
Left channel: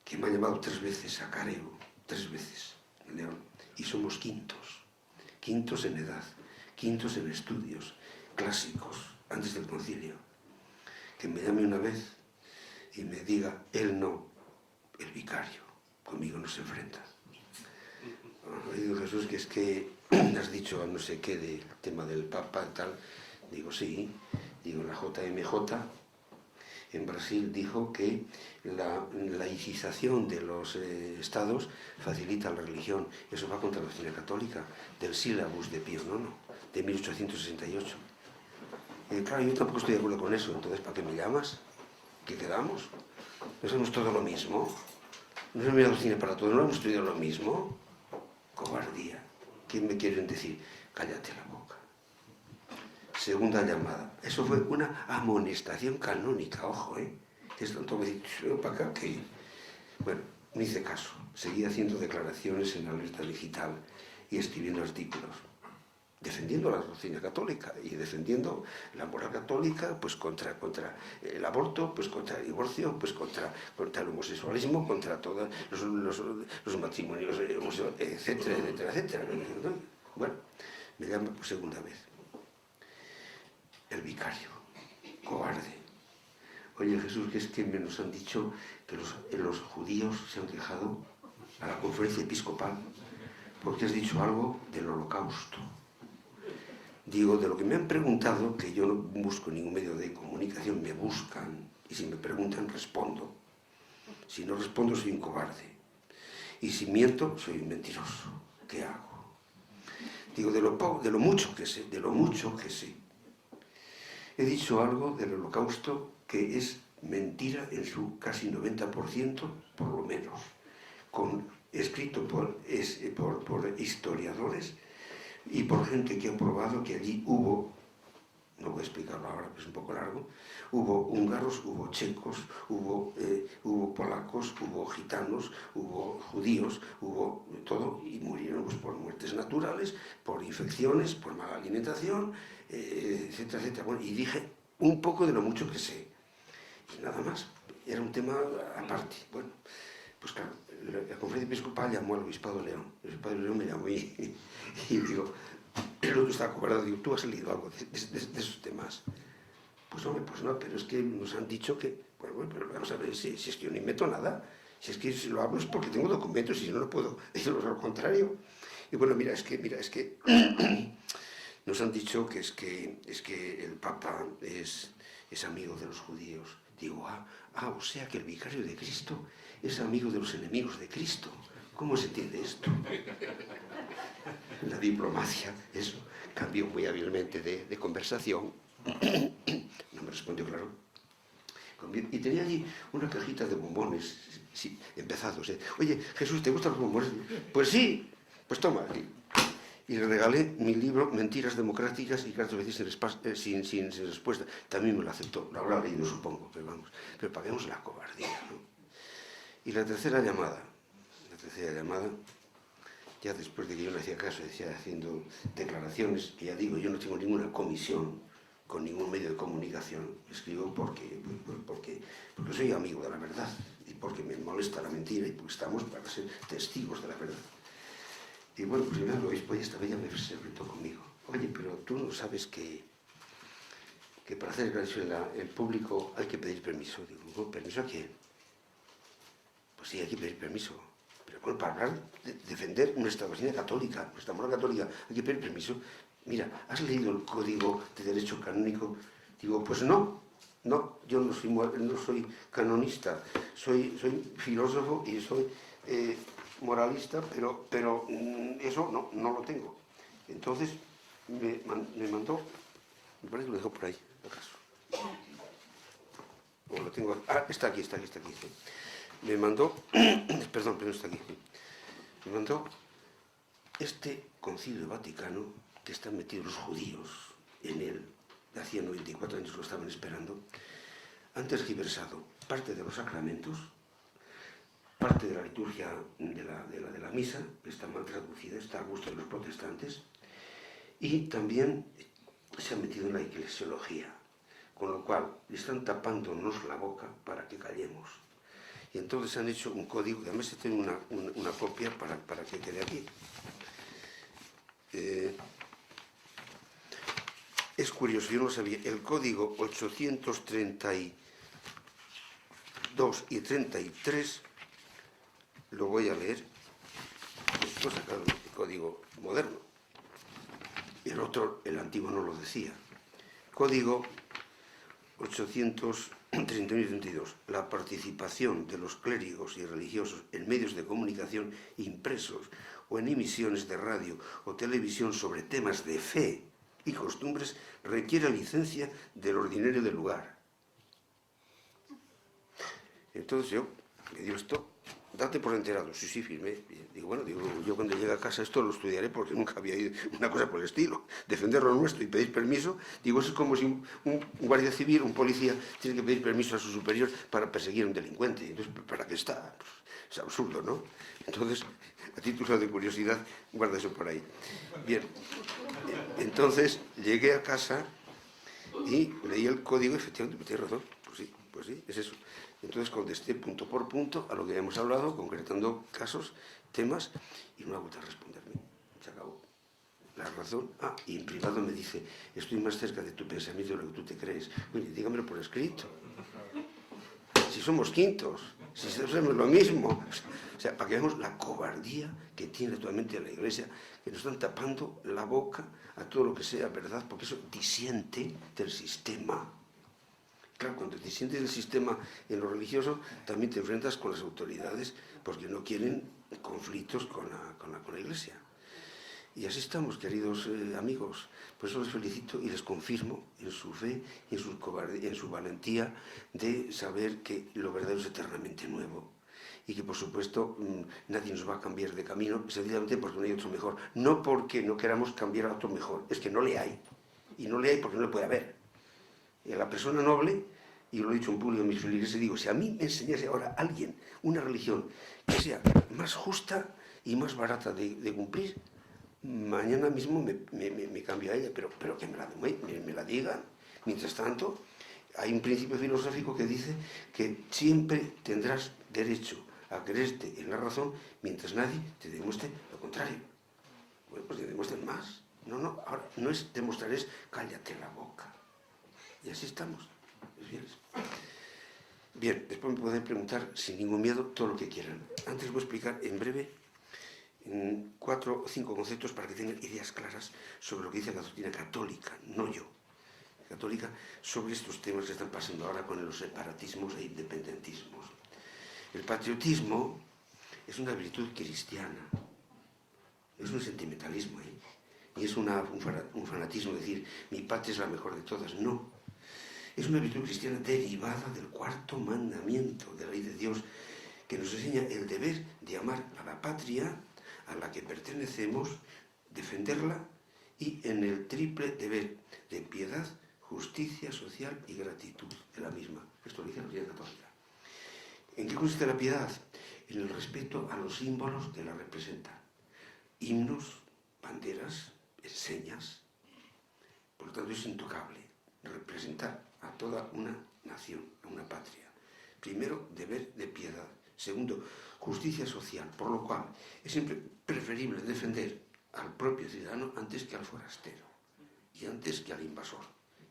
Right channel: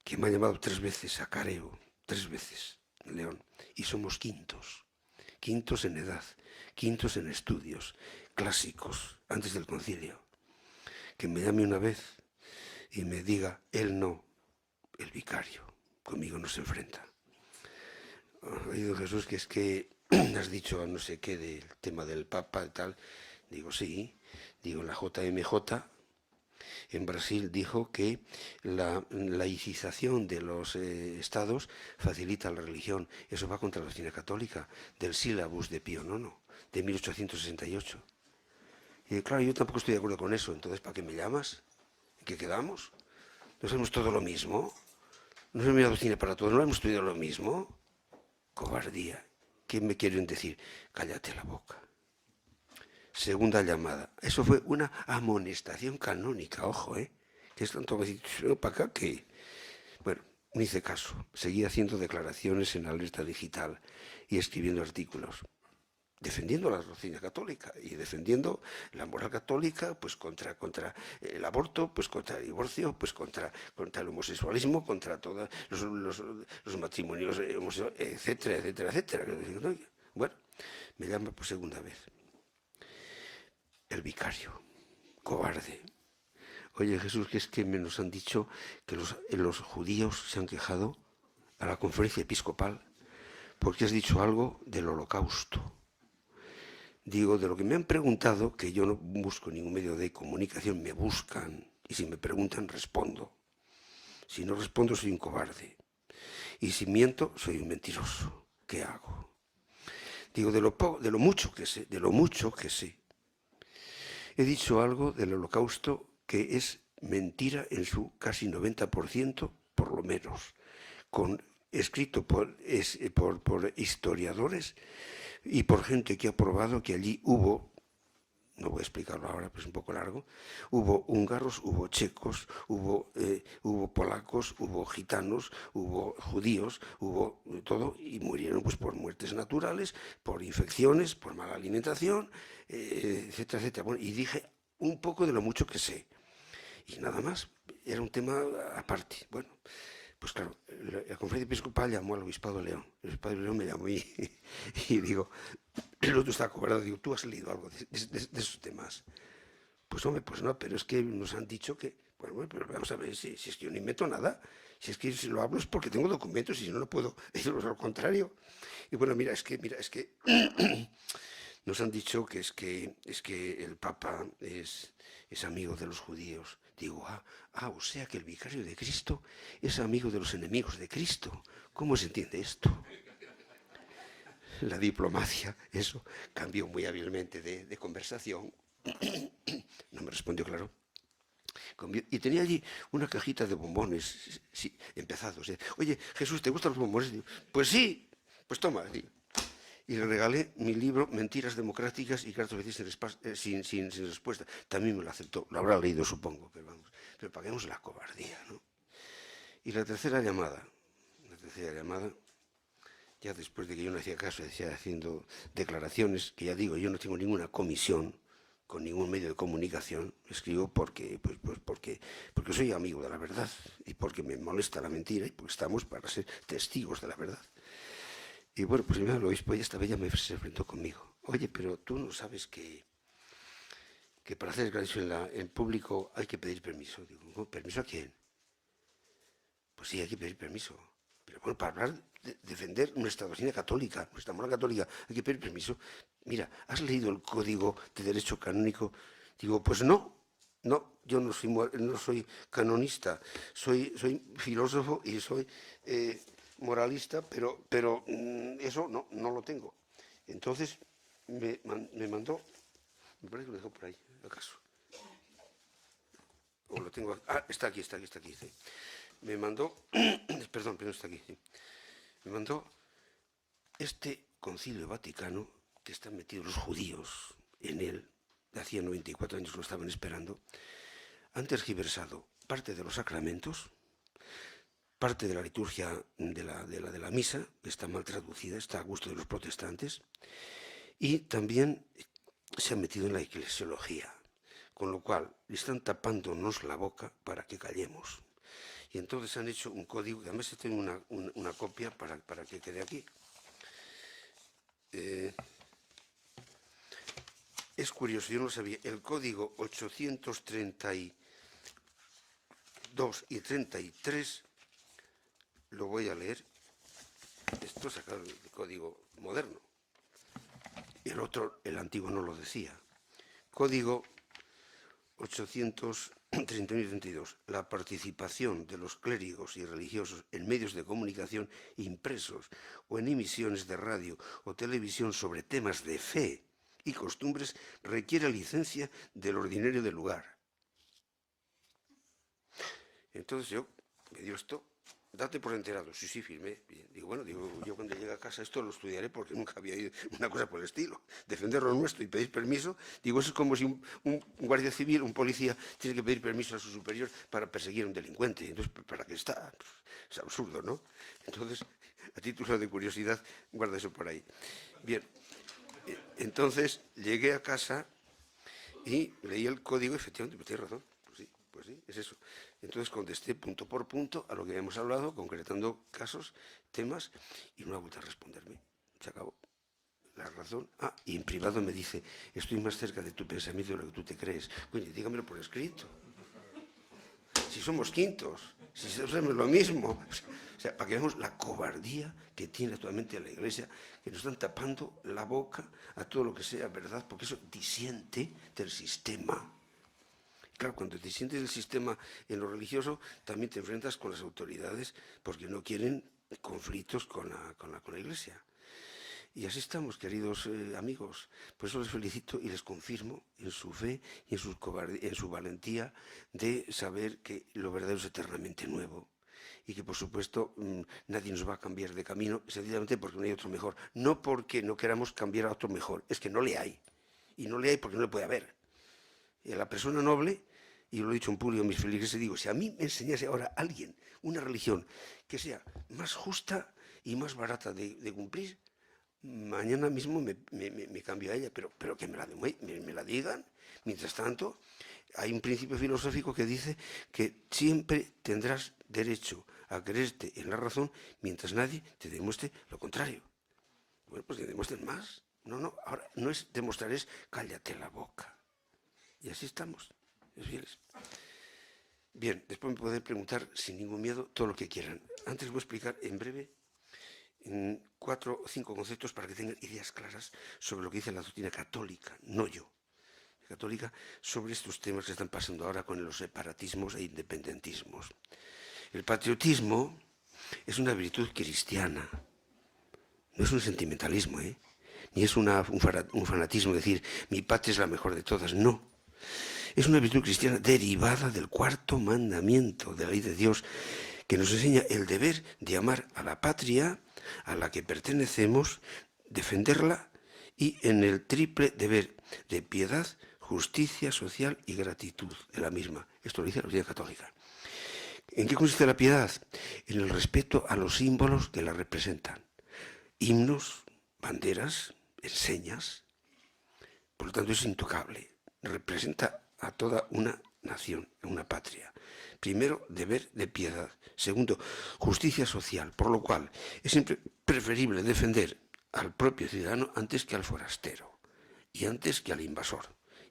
que me ha llamado 3 veces a careo, 3 veces, en León, y somos quintos en edad, quintos en estudios, clásicos, antes del concilio. Que me llame una vez y me diga, él no, el vicario, conmigo no se enfrenta. Digo, Jesús, que es que has dicho no sé qué del tema del Papa y tal. Digo, sí. Digo, la JMJ en Brasil dijo que la laicización de los estados facilita la religión. Eso va contra la doctrina católica del sílabus de Pío IX, de 1868. Y claro, yo tampoco estoy de acuerdo con eso. Entonces, ¿para qué me llamas? ¿Qué quedamos? ¿No sabemos todo lo mismo? ¿No sabemos la doctrina para todos? ¿No hemos estudiado lo mismo? Cobardía. ¿Qué me quieren decir? Cállate la boca. Segunda llamada. Eso fue una amonestación canónica, ojo, ¿eh? Es tanto que decir, para acá que... Bueno, no hice caso. Seguí haciendo declaraciones en la lista digital y escribiendo artículos, defendiendo la doctrina católica y defendiendo la moral católica, pues contra el aborto, pues contra el divorcio, pues contra el homosexualismo, contra todos los matrimonios homosexuales, etcétera, etcétera, etcétera. Bueno, me llama por segunda vez el vicario, cobarde. Oye, Jesús, que es que nos han dicho que los judíos se han quejado a la conferencia episcopal porque has dicho algo del holocausto. Digo, de lo que me han preguntado, que yo no busco ningún medio de comunicación, me buscan, y si me preguntan, respondo. Si no respondo, soy un cobarde. Y si miento, soy un mentiroso. ¿Qué hago? Digo, de lo mucho que sé, he dicho algo del holocausto que es mentira en su casi 90%, por lo menos, escrito por historiadores y por gente que ha probado que allí hubo, no voy a explicarlo ahora, pues es un poco largo, hubo húngaros, hubo checos, hubo polacos, hubo gitanos, hubo judíos, hubo todo, y murieron pues por muertes naturales, por infecciones, por mala alimentación, etcétera, etcétera. Bueno, y dije un poco de lo mucho que sé, y nada más, era un tema aparte. Bueno, pues claro, la conferencia episcopal llamó al obispado de León. El obispado de León me llamó y digo, el otro está acobardado, digo, ¿tú has leído algo de esos temas? Pues hombre, pues no, pero es que nos han dicho que, bueno, pero vamos a ver si es que yo no invento nada, si es que si lo hablo es porque tengo documentos y si no, no puedo decirlo lo contrario. Y bueno, mira, es que nos han dicho que es que el Papa es amigo de los judíos. Digo, o sea que el vicario de Cristo es amigo de los enemigos de Cristo. ¿Cómo se entiende esto? La diplomacia, eso, cambió muy hábilmente de conversación. No me respondió, claro. Y tenía allí una cajita de bombones, sí, empezados. Oye, Jesús, ¿te gustan los bombones? Pues sí, pues toma. Y le regalé mi libro Mentiras democráticas y cartas veces sin respuesta. También me lo aceptó, lo habrá leído, supongo, pero vamos. Pero paguemos la cobardía, ¿no? Y la tercera llamada, ya después de que yo no hacía caso, decía haciendo declaraciones, que ya digo, yo no tengo ninguna comisión con ningún medio de comunicación, escribo porque soy amigo de la verdad y porque me molesta la mentira y porque estamos para ser testigos de la verdad. Y bueno, pues el obispo esta vez ya se enfrentó conmigo. Oye, pero tú no sabes que que para hacer declaración en público hay que pedir permiso. Digo, ¿no? ¿Permiso a quién? Pues sí, hay que pedir permiso. Pero bueno, para hablar, defender nuestra doctrina católica, nuestra moral católica, hay que pedir permiso. Mira, ¿has leído el Código de Derecho Canónico? Digo, pues no, yo no soy canonista, soy filósofo y soy moralista, pero eso no lo tengo. Entonces me mandó, me parece que lo dejó por ahí, acaso. O lo tengo, está aquí. Me mandó, perdón, pero no está aquí. Me mandó este Concilio Vaticano, que están metidos los judíos en él, hacía 94 años lo estaban esperando, han tergiversado parte de los sacramentos, parte de la liturgia de la misa, que está mal traducida, está a gusto de los protestantes, y también se han metido en la eclesiología, con lo cual están tapándonos la boca para que callemos. Y entonces han hecho un código, que además tiene una copia para que quede aquí. Es curioso, yo no lo sabía, el código 832 y 33, lo voy a leer, esto es el código moderno, el otro, el antiguo no lo decía. Código 831 y 32. La participación de los clérigos y religiosos en medios de comunicación impresos o en emisiones de radio o televisión sobre temas de fe y costumbres requiere licencia del ordinario del lugar. Entonces yo me dio esto, date por enterado. Sí, firmé. Digo, bueno, yo cuando llegue a casa esto lo estudiaré porque nunca había ido una cosa por el estilo. Defender lo nuestro y pedir permiso, digo, eso es como si un guardia civil, un policía, tiene que pedir permiso a su superior para perseguir a un delincuente. Entonces, ¿para qué está? Pues, es absurdo, ¿no? Entonces, a título de curiosidad, guarda eso por ahí. Bien, entonces llegué a casa y leí el código, efectivamente, tienes razón, pues sí, es eso. Entonces contesté punto por punto a lo que habíamos hablado, concretando casos, temas, y no ha vuelto a responderme. Se acabó. La razón. Y en privado me dice, estoy más cerca de tu pensamiento de lo que tú te crees. Oye, dígamelo por escrito. Si somos quintos, si hacemos lo mismo. O sea, para que veamos la cobardía que tiene actualmente la Iglesia, que nos están tapando la boca a todo lo que sea verdad, porque eso disiente del sistema. Claro, cuando te sientes del sistema en lo religioso, también te enfrentas con las autoridades porque no quieren conflictos con la Iglesia. Y así estamos, queridos amigos. Por eso les felicito y les confirmo en su fe y en su valentía de saber que lo verdadero es eternamente nuevo. Y que, por supuesto, nadie nos va a cambiar de camino, sencillamente porque no hay otro mejor. No porque no queramos cambiar a otro mejor, es que no le hay. Y no le hay porque no le puede haber. Y a la persona noble, y lo he dicho en público a mis feligreses, digo, si a mí me enseñase ahora alguien una religión que sea más justa y más barata de cumplir, mañana mismo me cambio a ella, pero que me la digan. Mientras tanto, hay un principio filosófico que dice que siempre tendrás derecho a creerte en la razón mientras nadie te demuestre lo contrario. Bueno, pues te demuestren más. No, ahora no es demostrar, es cállate la boca. Y así estamos, fieles. Bien, después me pueden preguntar sin ningún miedo todo lo que quieran. Antes voy a explicar en breve 4 o 5 conceptos para que tengan ideas claras sobre lo que dice la doctrina católica, no yo, católica, sobre estos temas que están pasando ahora con los separatismos e independentismos. El patriotismo es una virtud cristiana, no es un sentimentalismo, ni es un fanatismo, decir, mi patria es la mejor de todas, no. Es una virtud cristiana derivada del 4º mandamiento de la ley de Dios, que nos enseña el deber de amar a la patria a la que pertenecemos, defenderla y en el triple deber de piedad, justicia social y gratitud de la misma. Esto lo dice la Iglesia Católica. ¿En qué consiste la piedad? En el respeto a los símbolos que la representan. Himnos, banderas, enseñas. Por lo tanto, es intocable. Representa a toda una nación, una patria. Primero, deber de piedad. Segundo, justicia social, por lo cual es siempre preferible defender al propio ciudadano antes que al forastero y antes que al invasor.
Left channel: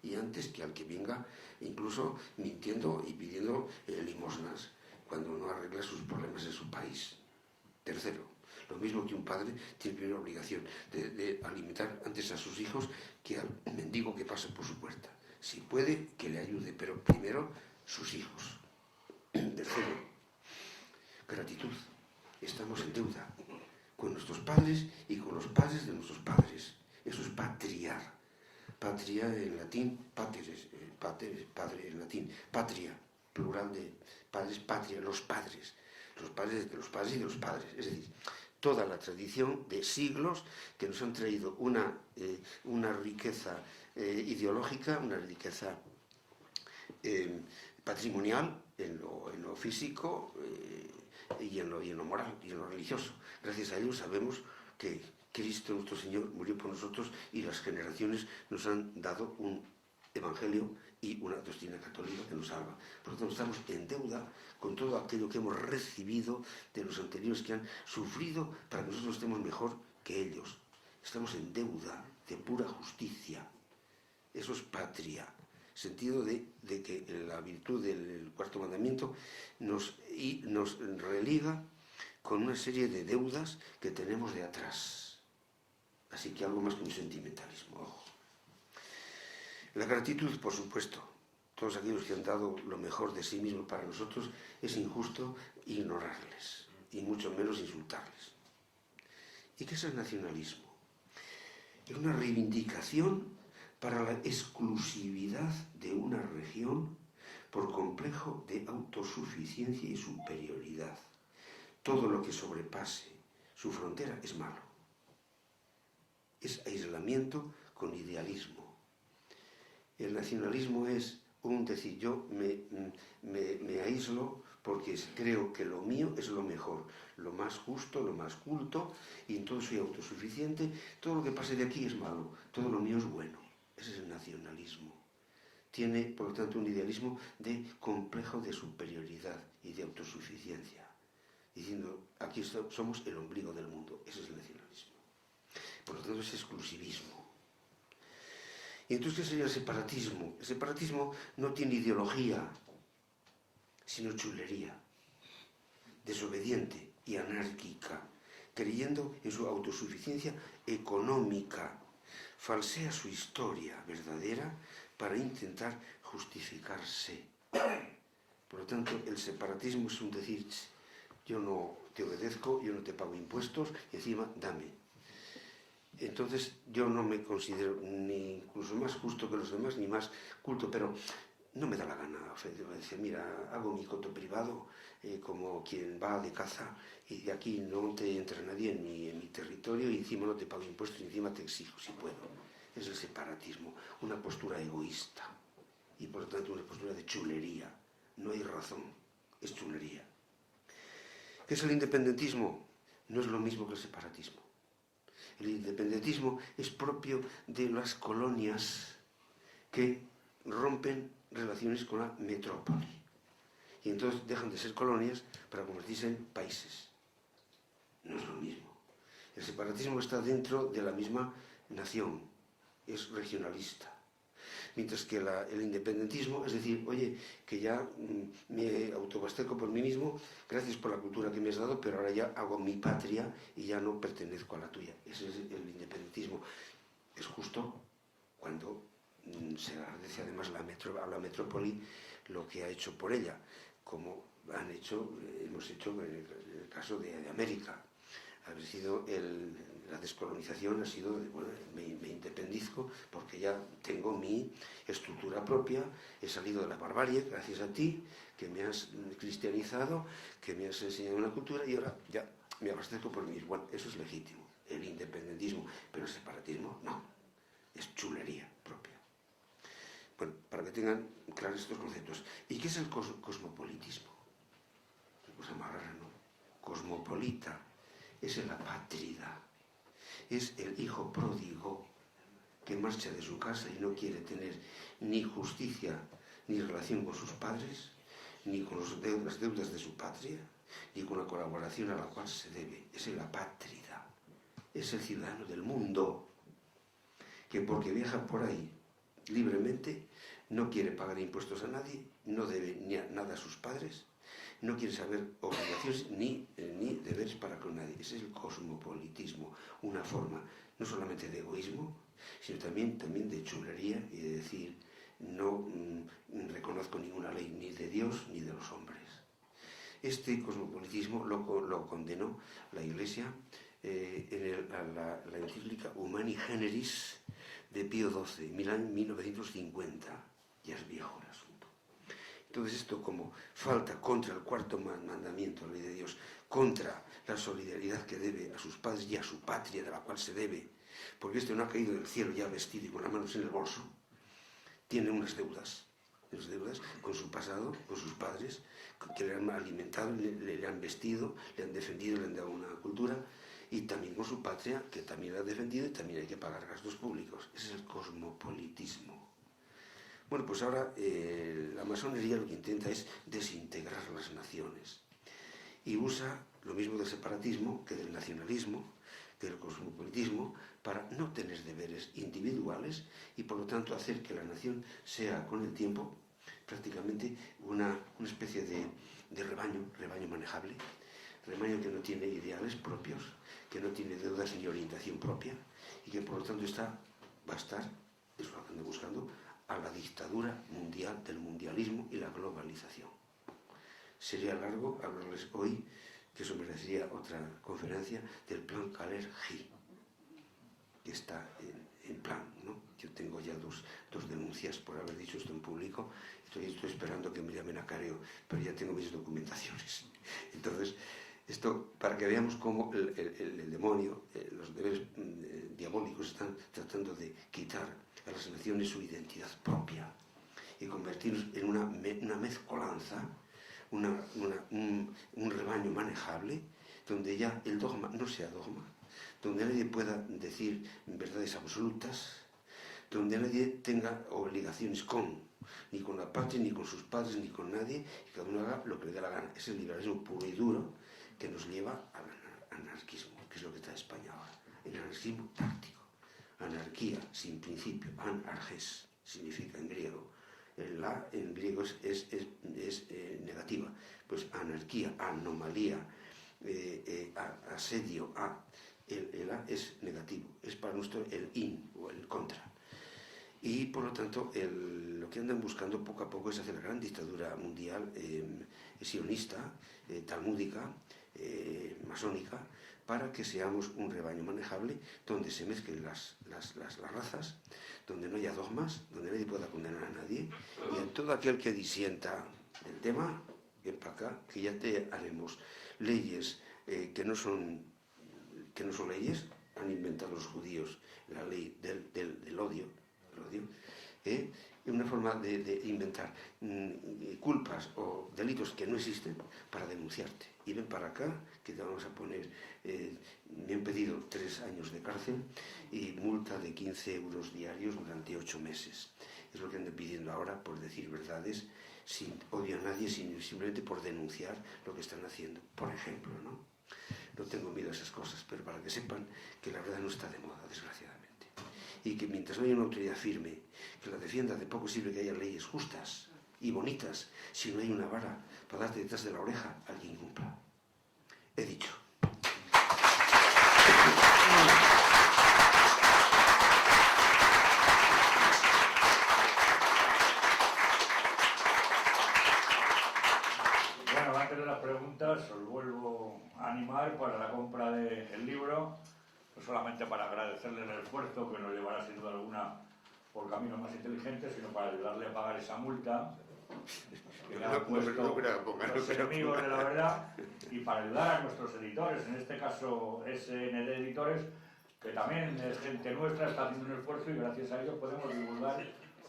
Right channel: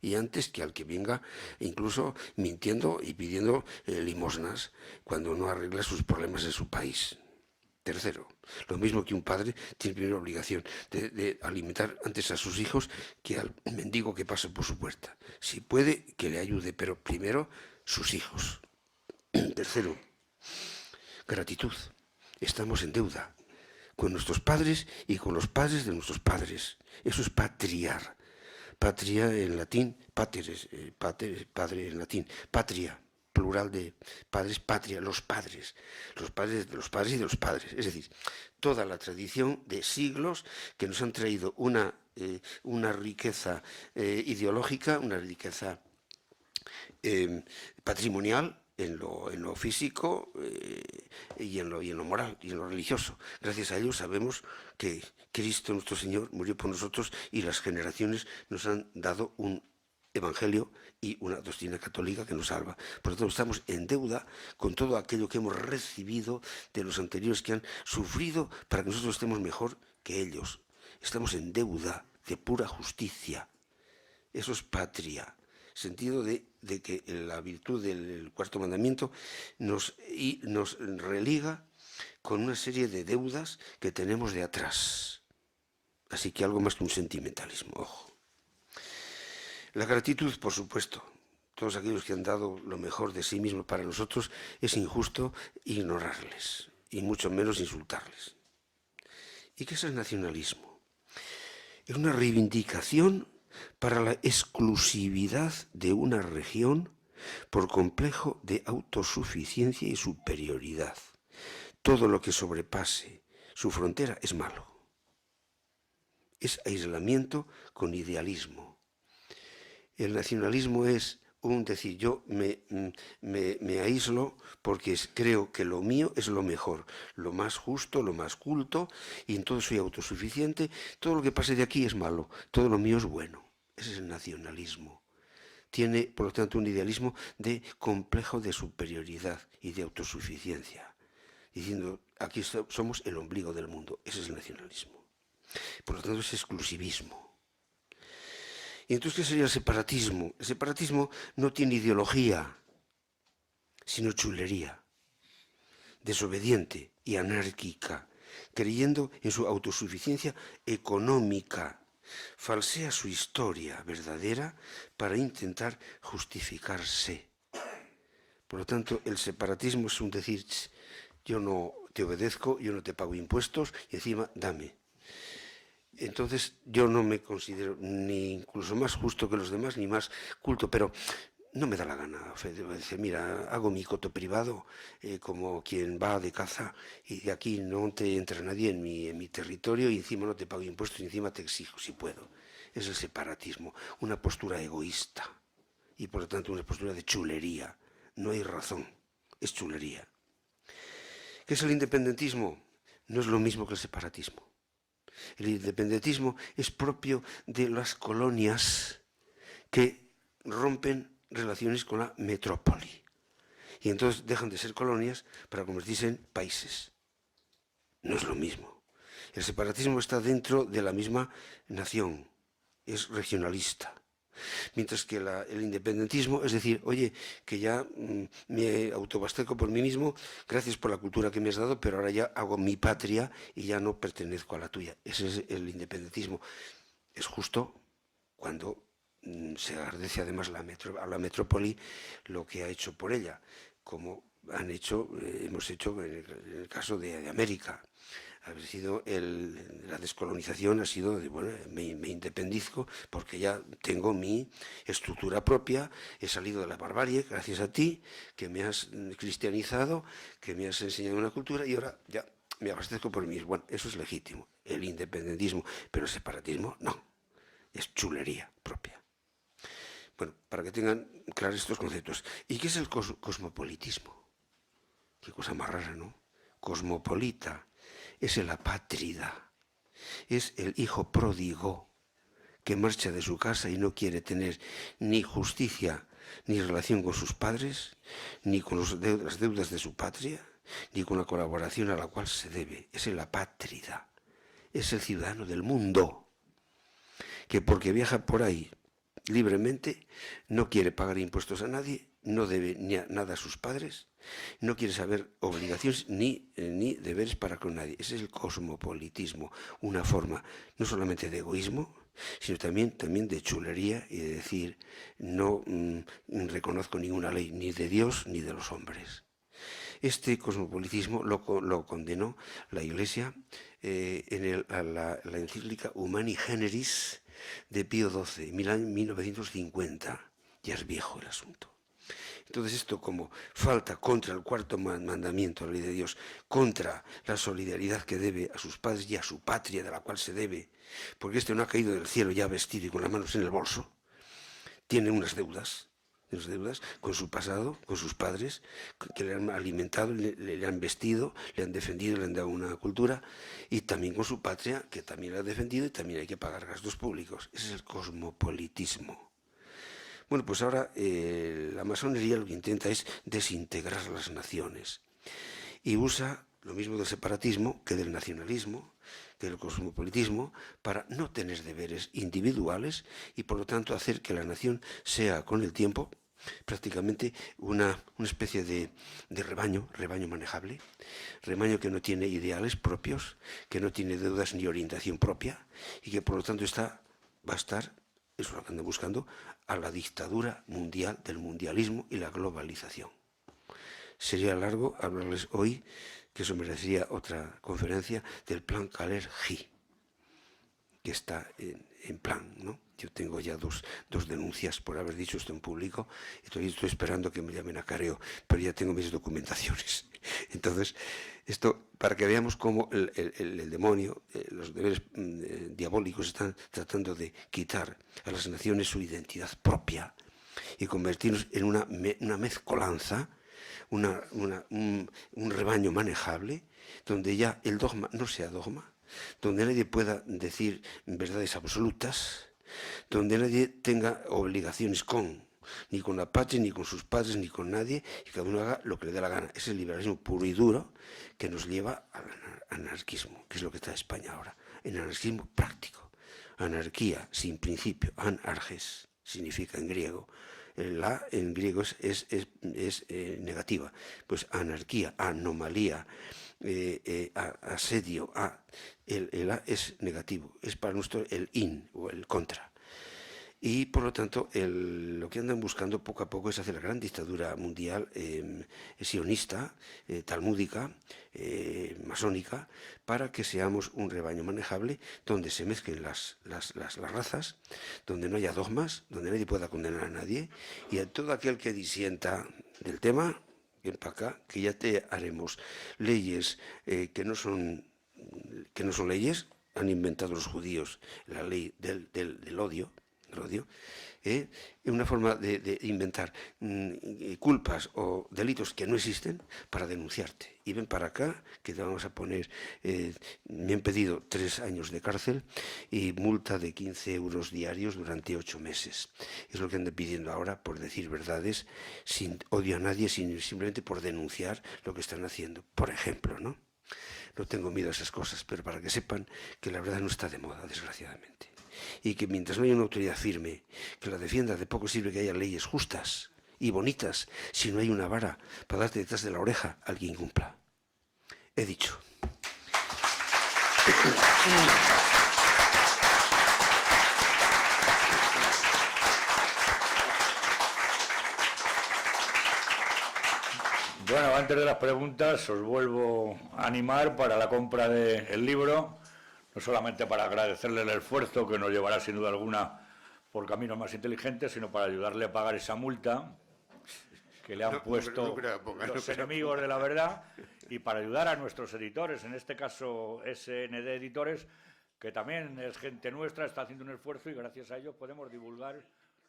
y antes que al que venga incluso mintiendo y pidiendo limosnas cuando no arregla sus problemas en su país. Tercero, lo mismo que un padre tiene primera obligación de alimentar antes a sus hijos que al mendigo que pasa por su puerta. Si puede, que le ayude, pero primero sus hijos. Tercero, gratitud. Estamos en deuda con nuestros padres y con los padres de nuestros padres. Eso es patriar. Patria en latín, pateres, padre en latín, patria, plural de padres, patria, los padres de los padres y de los padres. Es decir, toda la tradición de siglos que nos han traído una riqueza ideológica, una riqueza patrimonial en lo físico y en lo moral y en lo religioso. Gracias a ello sabemos que Cristo nuestro Señor murió por nosotros y las generaciones nos han dado un evangelio y una doctrina católica que nos salva. Por lo tanto, estamos en deuda con todo aquello que hemos recibido de los anteriores que han sufrido para que nosotros estemos mejor que ellos. Estamos en deuda de pura justicia. Eso es patria. Sentido de que la virtud del cuarto mandamiento nos religa con una serie de deudas que tenemos de atrás. Así que algo más que un sentimentalismo, ojo. La gratitud, por supuesto. Todos aquellos que han dado lo mejor de sí mismos para nosotros, es injusto ignorarles, y mucho menos insultarles. ¿Y qué es el nacionalismo? Es una reivindicación para la exclusividad de una región por complejo de autosuficiencia y superioridad. Todo lo que sobrepase su frontera es malo. Es aislamiento con idealismo. El nacionalismo es decir, yo me aíslo porque creo que lo mío es lo mejor, lo más justo, lo más culto, y entonces soy autosuficiente, todo lo que pase de aquí es malo, todo lo mío es bueno. Ese es el nacionalismo. Tiene, por lo tanto, un idealismo de complejo de superioridad y de autosuficiencia, diciendo, aquí somos el ombligo del mundo. Ese es el nacionalismo. Por lo tanto, es exclusivismo. ¿Y entonces qué sería el separatismo? El separatismo no tiene ideología, sino chulería, desobediente y anárquica, creyendo en su autosuficiencia económica. Falsea su historia verdadera para intentar justificarse. Por lo tanto, el separatismo es un decir, yo no te obedezco, yo no te pago impuestos y encima dame. Entonces yo no me considero ni incluso más justo que los demás, ni más culto, pero no me da la gana. Decir, mira, hago mi coto privado como quien va de caza y de aquí no te entra nadie en mi territorio y encima no te pago impuestos y encima te exijo si puedo. Es el separatismo, una postura egoísta y por lo tanto una postura de chulería. No hay razón, es chulería. ¿Qué es el independentismo? No es lo mismo que el separatismo. El independentismo es propio de las colonias que rompen relaciones con la metrópoli. Y entonces dejan de ser colonias para convertirse en países. No es lo mismo. El separatismo está dentro de la misma nación. Es regionalista. Mientras que el independentismo es decir, oye, que ya me autoabasteco por mí mismo, gracias por la cultura que me has dado, pero ahora ya hago mi patria y ya no pertenezco a la tuya. Ese es el independentismo. Es justo cuando se agradece además a la metrópoli lo que ha hecho por ella, como hemos hecho en el caso de América. La descolonización ha sido de, bueno, me independizco porque ya tengo mi estructura propia, he salido de la barbarie gracias a ti, que me has cristianizado, que me has enseñado una cultura y ahora ya me abastezco por mí. Bueno, eso es legítimo, el independentismo, pero el separatismo no, es chulería propia. Bueno, para que tengan claros estos conceptos. ¿Y qué es el cosmopolitismo? Qué cosa más rara, ¿no? Cosmopolita. Es el apátrida, es el hijo pródigo que marcha de su casa y no quiere tener ni justicia ni relación con sus padres, ni con las deudas de su patria, ni con la colaboración a la cual se debe. Es el apátrida, es el ciudadano del mundo, que porque viaja por ahí libremente, no quiere pagar impuestos a nadie, no debe nada a sus padres, no quiere saber obligaciones ni deberes para con nadie. Ese es el cosmopolitismo, una forma no solamente de egoísmo, sino también de chulería y de decir no reconozco ninguna ley ni de Dios ni de los hombres. Este cosmopolitismo lo condenó la Iglesia a la encíclica Humani Generis de Pío XII, en 1950. Ya es viejo el asunto. Entonces esto, como falta contra el cuarto mandamiento, la ley de Dios, contra la solidaridad que debe a sus padres y a su patria de la cual se debe, porque este no ha caído del cielo ya vestido y con las manos en el bolso, tiene unas deudas con su pasado, con sus padres, que le han alimentado, le han vestido, le han defendido, le han dado una cultura, y también con su patria, que también la ha defendido y también hay que pagar gastos públicos. Ese es el cosmopolitismo. Bueno, pues ahora la masonería lo que intenta es desintegrar las naciones y usa lo mismo del separatismo que del nacionalismo, que del cosmopolitismo, para no tener deberes individuales y por lo tanto hacer que la nación sea con el tiempo prácticamente una especie de rebaño manejable, rebaño que no tiene ideales propios, que no tiene deudas ni orientación propia y que por lo tanto va a estar, eso es lo que anda buscando, a la dictadura mundial del mundialismo y la globalización. Sería largo hablarles hoy, que eso merecería otra conferencia, del plan Kaler-G, que está en plan, ¿no? Yo tengo ya dos denuncias por haber dicho esto en público, estoy esperando que me llamen a careo, pero ya tengo mis documentaciones. Entonces, esto para que veamos cómo el demonio, los deberes diabólicos están tratando de quitar a las naciones su identidad propia y convertirnos en una mezcolanza, un rebaño manejable, donde ya el dogma no sea dogma, donde nadie pueda decir verdades absolutas, donde nadie tenga obligaciones ni con la patria, ni con sus padres, ni con nadie, y cada uno haga lo que le dé la gana. Ese es el liberalismo puro y duro que nos lleva al anarquismo, que es lo que está en España ahora, el anarquismo práctico. Anarquía sin principio, anarges, significa en griego. La en griego es negativa. Pues anarquía, anomalía, asedio, el A es negativo, es para nosotros el in o el contra. Y por lo tanto lo que andan buscando poco a poco es hacer la gran dictadura mundial sionista, talmúdica, masónica, para que seamos un rebaño manejable donde se mezclen las razas, donde no haya dogmas, donde nadie pueda condenar a nadie, y a todo aquel que disienta del tema, ven para acá, que ya te haremos leyes que no son leyes. Han inventado los judíos la ley del odio, una forma de inventar culpas o delitos que no existen para denunciarte. Y ven para acá, que te vamos a poner, me han pedido 3 años de cárcel y multa de 15 euros diarios durante 8 meses. Es lo que andan pidiendo ahora por decir verdades, sin odio a nadie, simplemente por denunciar lo que están haciendo. Por ejemplo, ¿no? No tengo miedo a esas cosas, pero para que sepan que la verdad no está de moda, desgraciadamente. Y que mientras no haya una autoridad firme que la defienda, de poco sirve que haya leyes justas y bonitas si no hay una vara para darte detrás de la oreja al que incumpla. He dicho. Bueno, antes de las preguntas os vuelvo a animar para la compra del libro, no solamente para agradecerle el esfuerzo que nos llevará sin duda alguna por caminos más inteligentes, sino para ayudarle a pagar esa multa que le han puesto los enemigos de la verdad y para ayudar a nuestros editores, en este caso SND Editores, que también es gente nuestra, está haciendo un esfuerzo y gracias a ellos podemos divulgar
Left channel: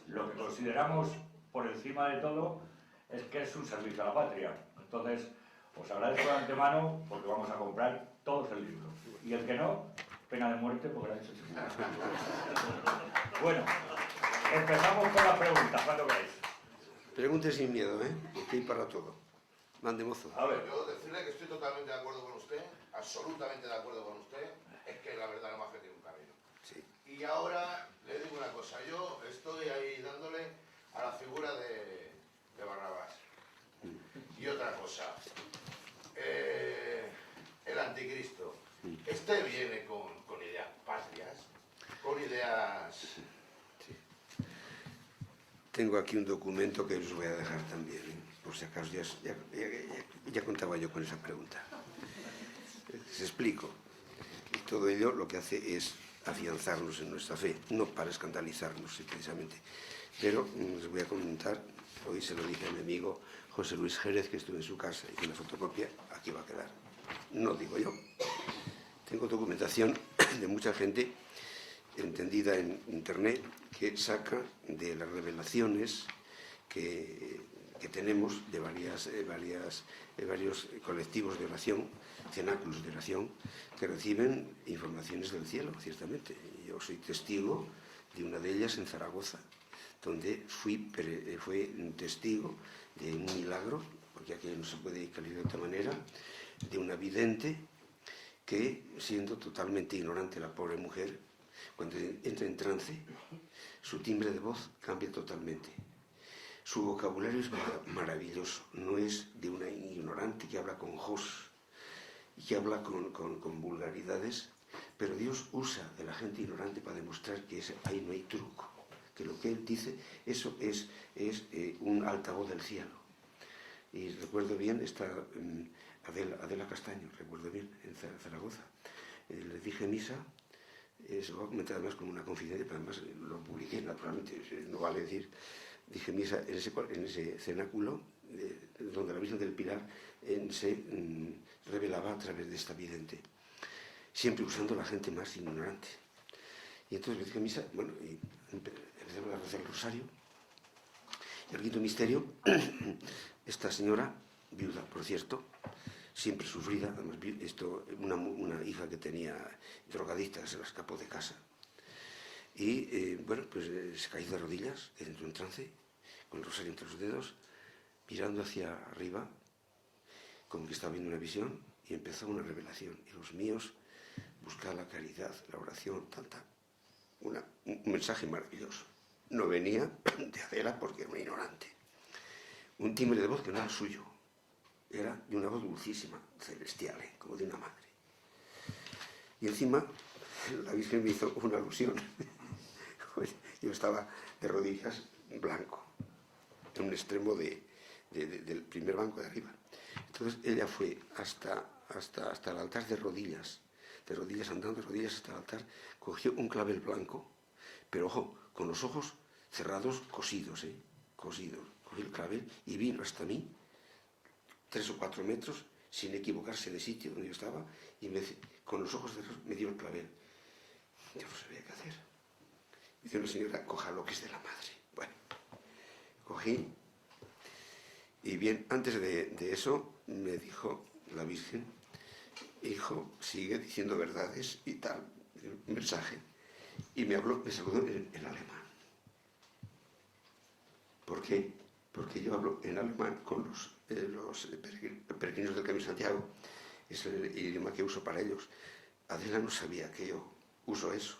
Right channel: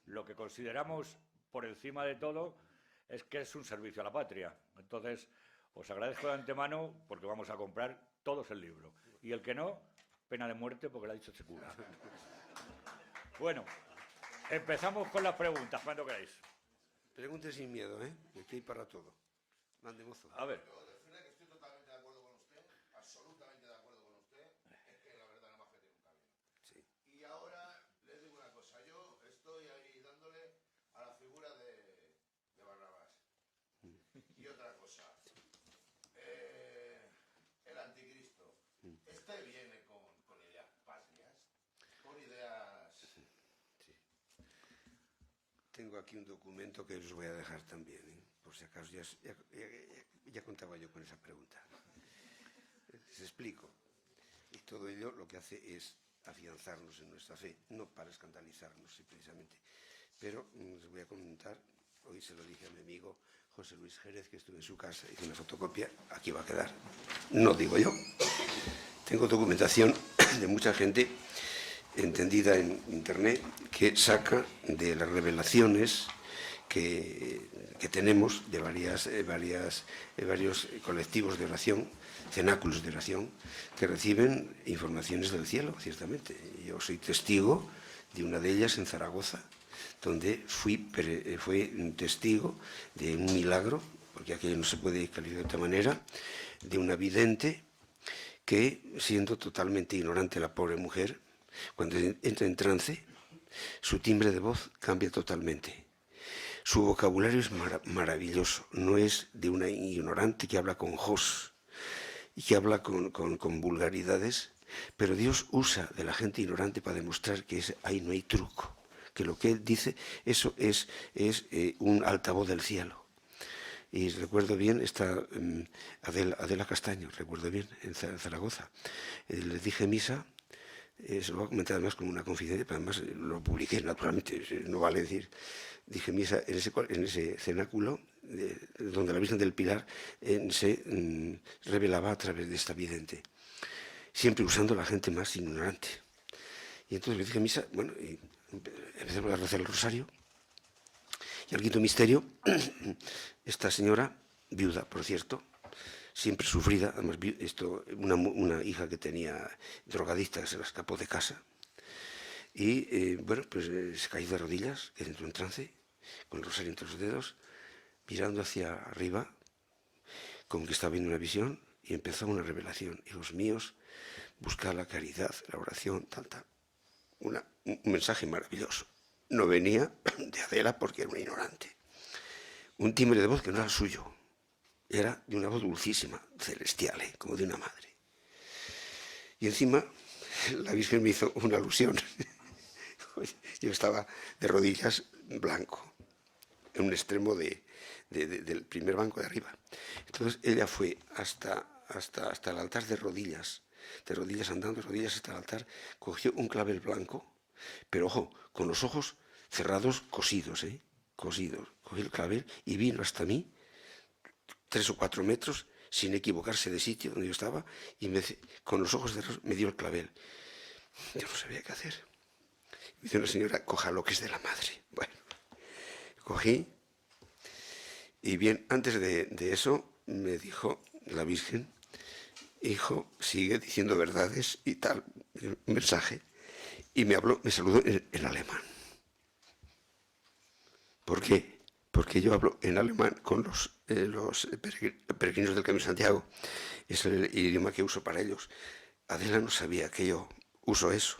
lo que consideramos por encima de todo es que es un servicio a la patria. Entonces, os agradezco de antemano porque vamos a comprar todos el libro. Y el que no, pena de muerte porque lo ha dicho Chico. Bueno, empezamos con las preguntas, cuando queréis. Pregunte sin miedo, porque hay para todo. Mande, mozo. A ver, yo decirle que estoy totalmente de acuerdo con usted, absolutamente de acuerdo con usted, es que la verdad no más que tiene un camino. Sí. Y ahora le digo una cosa, yo estoy estoy ahí dándole a la figura de Barrabás. Y otra cosa, el anticristo, este viene con ideas patrias, con ideas... Tengo aquí un documento que os voy a dejar también, por si acaso ya contaba yo con esa pregunta. Les explico. Todo ello lo que hace es afianzarnos en nuestra fe, no para escandalizarnos precisamente. Pero les voy a comentar, hoy se lo dije a mi amigo José Luis Jerez, que estuve en su casa, hice una fotocopia, aquí va a quedar. No digo yo. Tengo documentación de mucha gente entendida en internet que saca de las revelaciones que tenemos de varios colectivos de oración, cenáculos de oración, que reciben informaciones del cielo, ciertamente. Yo soy testigo de una de ellas en Zaragoza, donde fui testigo de un milagro, porque aquello no se puede calificar de otra manera, de una vidente que, siendo totalmente ignorante la pobre mujer, cuando entra en trance, su timbre de voz cambia totalmente. Su vocabulario es maravilloso, no es de una ignorante que habla con jos y que habla con vulgaridades, pero Dios usa de la gente ignorante para demostrar que ahí no hay truco, que lo que Él dice, eso es un altavoz del cielo. Y recuerdo bien, está Adela Castaño, recuerdo bien, en Zaragoza. Le dije misa. Se lo voy a comentar además con una confidencia, pero además lo publiqué naturalmente, no vale decir. Dije misa en ese cenáculo, donde la Virgen del Pilar se revelaba a través de esta vidente, siempre usando a la gente más ignorante. Y entonces le dije misa, bueno, y empecé a rezar el rosario, y al quinto misterio, esta señora, viuda, por cierto, siempre sufrida, además una hija que tenía drogadicta, se la escapó de casa. Y bueno, pues se cayó de rodillas, que entró en trance, con el rosario entre los dedos, mirando hacia arriba, como que estaba viendo una visión, y empezó una revelación. Hijos míos, buscad la caridad, la oración, un mensaje maravilloso. No venía de Adela porque era una ignorante. Un timbre de voz que no era suyo. Era de una voz dulcísima, celestial, como de una madre. Y encima, la Virgen me hizo una alusión. Yo estaba de rodillas blanco, en un extremo del primer banco de arriba. Entonces ella fue hasta el altar de rodillas andando, de rodillas hasta el altar, cogió un clavel blanco, pero ojo, con los ojos cerrados, cosidos, cosidos. Cogió el clavel y vino hasta mí, 3 o 4 metros, sin equivocarse de sitio donde yo estaba, y con los ojos cerrados me dio el clavel. Yo no sabía qué hacer. Me dice una señora, coja lo que es de la madre. Bueno, cogí, y bien, antes de eso, me dijo la Virgen, hijo, sigue diciendo verdades y tal, un mensaje, y me saludó en alemán. ¿Por qué? Porque yo hablo en alemán con los peregrinos del Camino de Santiago. Es el idioma que uso para ellos. Adela no sabía que yo uso eso.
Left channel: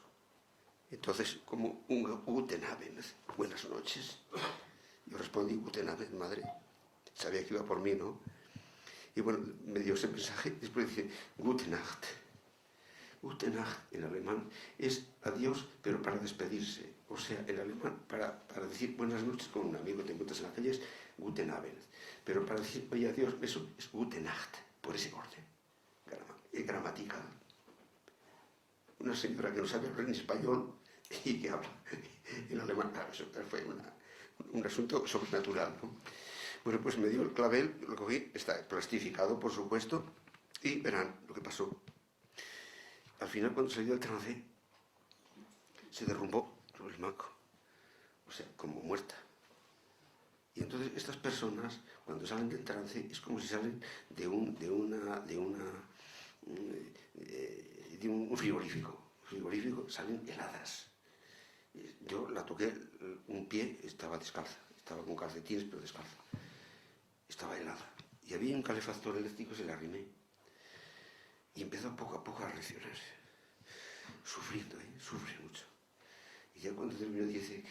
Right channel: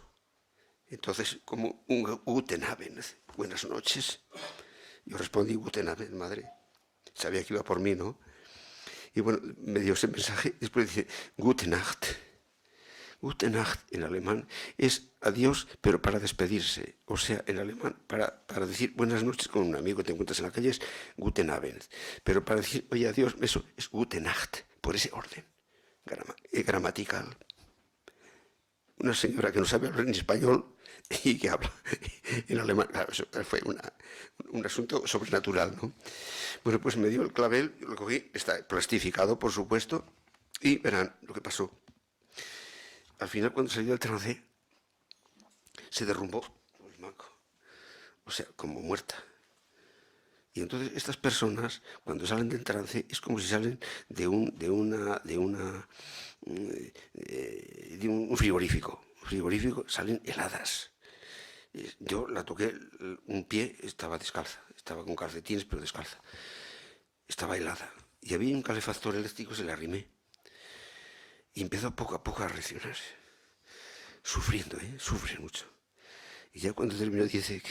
Entonces, como un Guten Abend, buenas noches. Yo respondí Guten Abend, madre. Sabía que iba por mí, ¿no? Y bueno, me dio ese mensaje. Después dice Gute Nacht. Gute Nacht en alemán es adiós, pero para despedirse. O sea, en alemán, para decir buenas noches con un amigo que te encuentras en la calle es Guten Abend. Pero para decir, oye, adiós, eso es Gute Nacht, por ese orden gramatical. Una señora que no sabe hablar en español y que habla en alemán. Claro, eso fue un asunto sobrenatural, ¿no? Bueno, pues me dio el clavel, lo cogí, está plastificado, por supuesto, y verán lo que pasó. Al final, cuando salió del trance, se derrumbó el banco. O sea, como muerta. Y entonces estas personas, cuando salen del trance, es como si salen de un frigorífico. Frigorífico, salen heladas. Yo la toqué, un pie estaba descalza, estaba con calcetines, pero descalza. Estaba helada. Y había un calefactor eléctrico, se le arrimé. Y empezó poco a poco a reaccionarse. Sufriendo, sufre mucho. Y ya cuando terminó dice,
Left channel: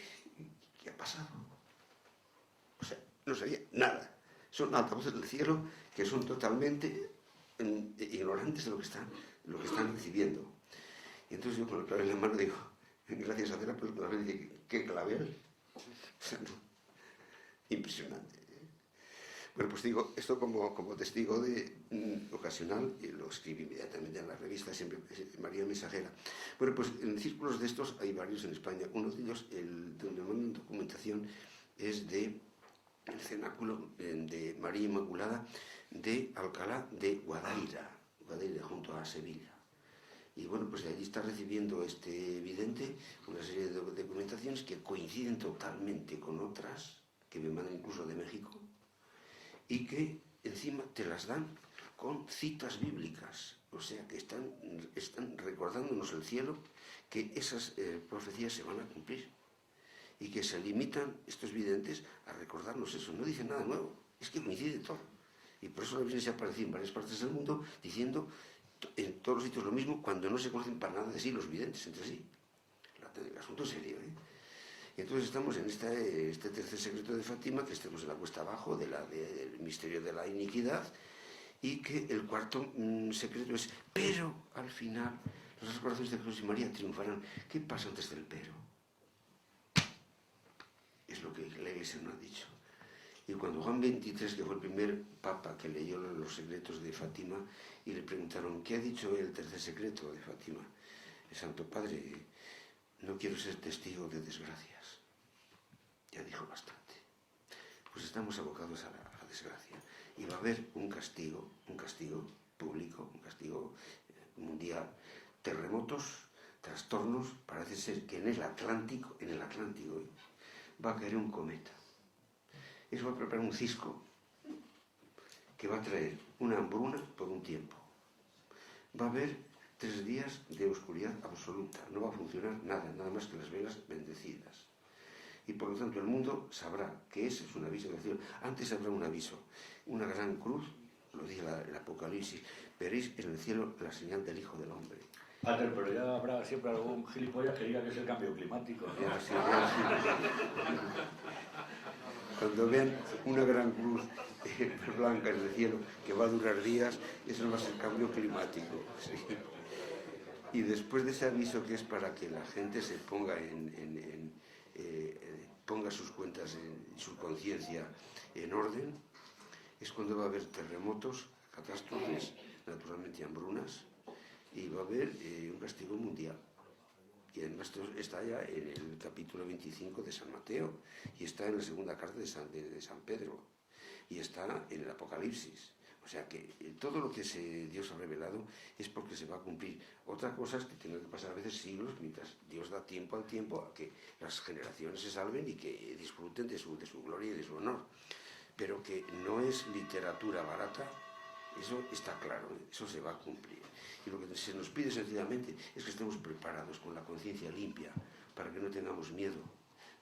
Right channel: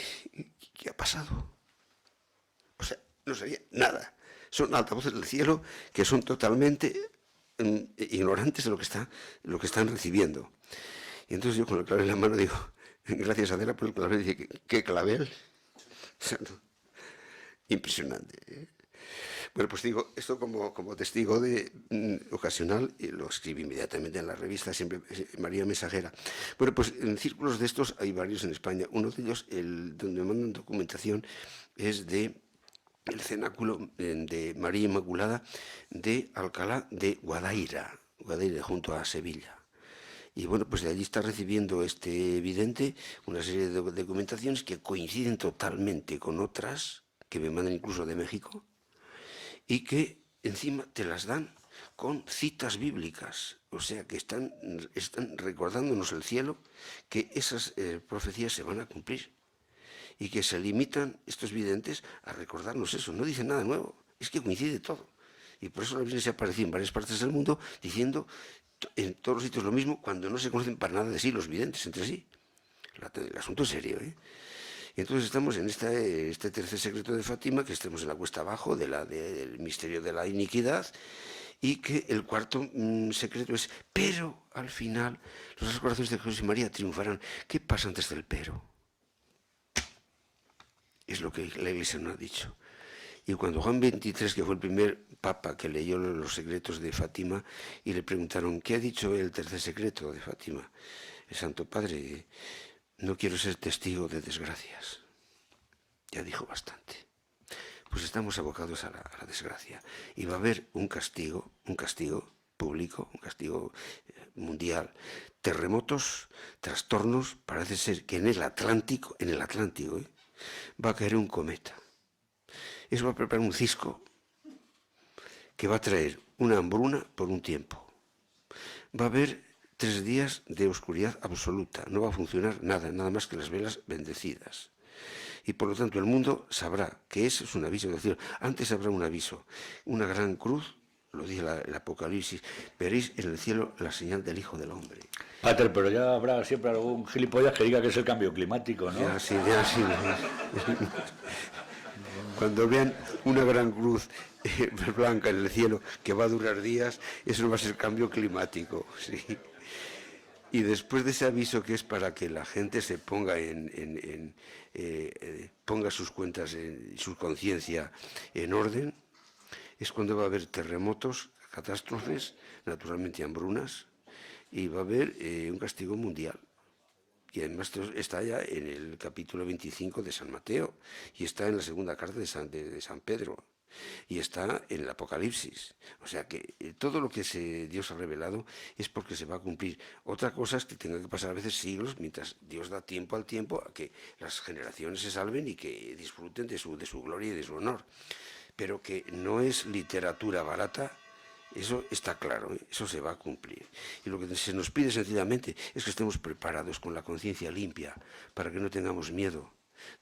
¿qué ha pasado? O sea, no sabía nada. Son altavoces del cielo que son totalmente ignorantes de lo que están recibiendo. Y entonces yo con el clavel en la mano digo, gracias a Adela por el clavel. Dice, ¿qué clavel? O sea, no, impresionante. Bueno, pues digo, esto como testigo ocasional, y lo escribí inmediatamente en la revista, siempre María Mensajera. Bueno, pues en círculos de estos hay varios en España. Uno de ellos, donde me mandan documentación, es de el cenáculo de María Inmaculada de Alcalá de Guadaira, junto a Sevilla. Y bueno, pues de allí está recibiendo este vidente una serie de documentaciones que coinciden totalmente con otras que me mandan incluso de México y que encima te las dan con citas bíblicas. O sea, que están recordándonos el cielo que esas profecías se van a cumplir y que se limitan estos videntes a recordarnos eso. No dicen nada nuevo, es que coincide todo. Y por eso la Virgen se apareció en varias partes del mundo diciendo en todos los sitios lo mismo, cuando no se conocen para nada de sí los videntes entre sí. El asunto es serio, ¿eh? Y entonces estamos en este tercer secreto de Fátima, que estemos en la cuesta abajo del misterio de la iniquidad, y que el cuarto secreto es, pero al final los corazones de Jesús y María triunfarán. ¿Qué pasa antes del pero? Es lo que la Iglesia no ha dicho. Y cuando Juan XXIII, que fue el primer papa que leyó los secretos de Fátima, y le preguntaron, ¿qué ha dicho el tercer secreto de Fátima? El Santo Padre, no quiero ser testigo de desgracias. Ya dijo bastante. Pues estamos abocados a la desgracia. Y va a haber un castigo público, un castigo mundial. Terremotos, trastornos, parece ser que en el Atlántico, va a caer un cometa. Eso va a preparar un cisco que va a traer una hambruna por un tiempo. Va a haber 3 días de oscuridad absoluta. No va a funcionar nada más que las velas bendecidas. Y por lo tanto el mundo sabrá que eso es un aviso del cielo. Antes habrá un aviso, una gran cruz, lo dice el Apocalipsis, veréis en el cielo la señal del Hijo del Hombre. Pater, pero ya habrá siempre algún gilipollas que diga que es el cambio climático, ¿no? Ya, sí. Cuando vean una gran cruz blanca en el cielo que va a durar días, eso no va a ser cambio climático, sí. Y después de ese aviso, que es para que la gente se ponga ponga sus cuentas, su conciencia en orden, es cuando va a haber terremotos, catástrofes, naturalmente hambrunas, y va a haber un castigo mundial. Y además está ya en el capítulo 25 de San Mateo, y está en la segunda carta de San Pedro, y está en el Apocalipsis. O sea que todo lo que Dios ha revelado es porque se va a cumplir. Otra cosa es que tenga que pasar a veces siglos, mientras Dios da tiempo al tiempo a que las generaciones se salven y que disfruten de su gloria y de su honor. Pero que no es literatura barata. Eso está claro, eso se va a cumplir. Y lo que se nos pide sencillamente es que estemos preparados con la conciencia limpia para que no tengamos miedo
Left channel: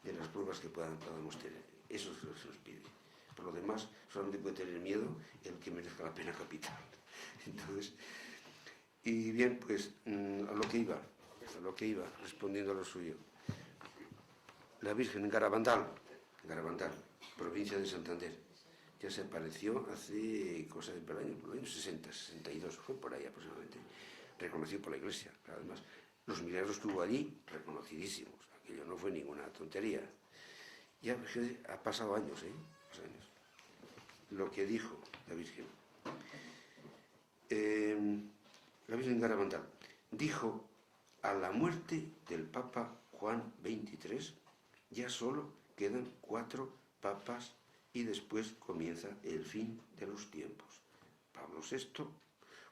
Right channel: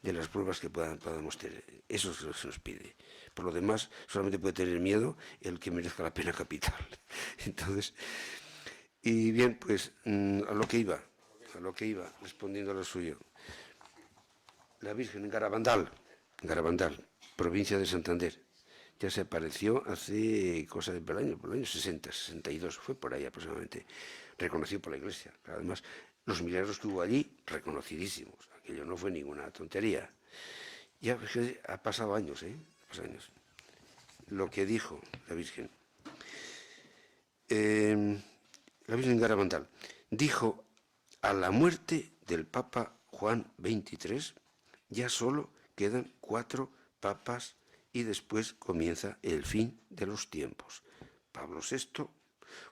de las pruebas que podamos tener. Eso es lo que se nos pide. Por lo demás, solamente puede tener miedo el que merezca la pena capital. Entonces, y bien, pues a lo que iba, respondiendo a lo suyo. La Virgen en Garabandal, provincia de Santander. Ya se apareció hace cosa de por el año 60, 62, fue por ahí aproximadamente, reconocido por la Iglesia. Además, los milagros que hubo allí, reconocidísimos. Aquello no fue ninguna tontería. Ya ha pasado años, lo que dijo la Virgen. La Virgen Garabandal dijo, a la muerte del Papa Juan XXIII, ya solo quedan 4 papas y después comienza el fin de los tiempos. Pablo VI,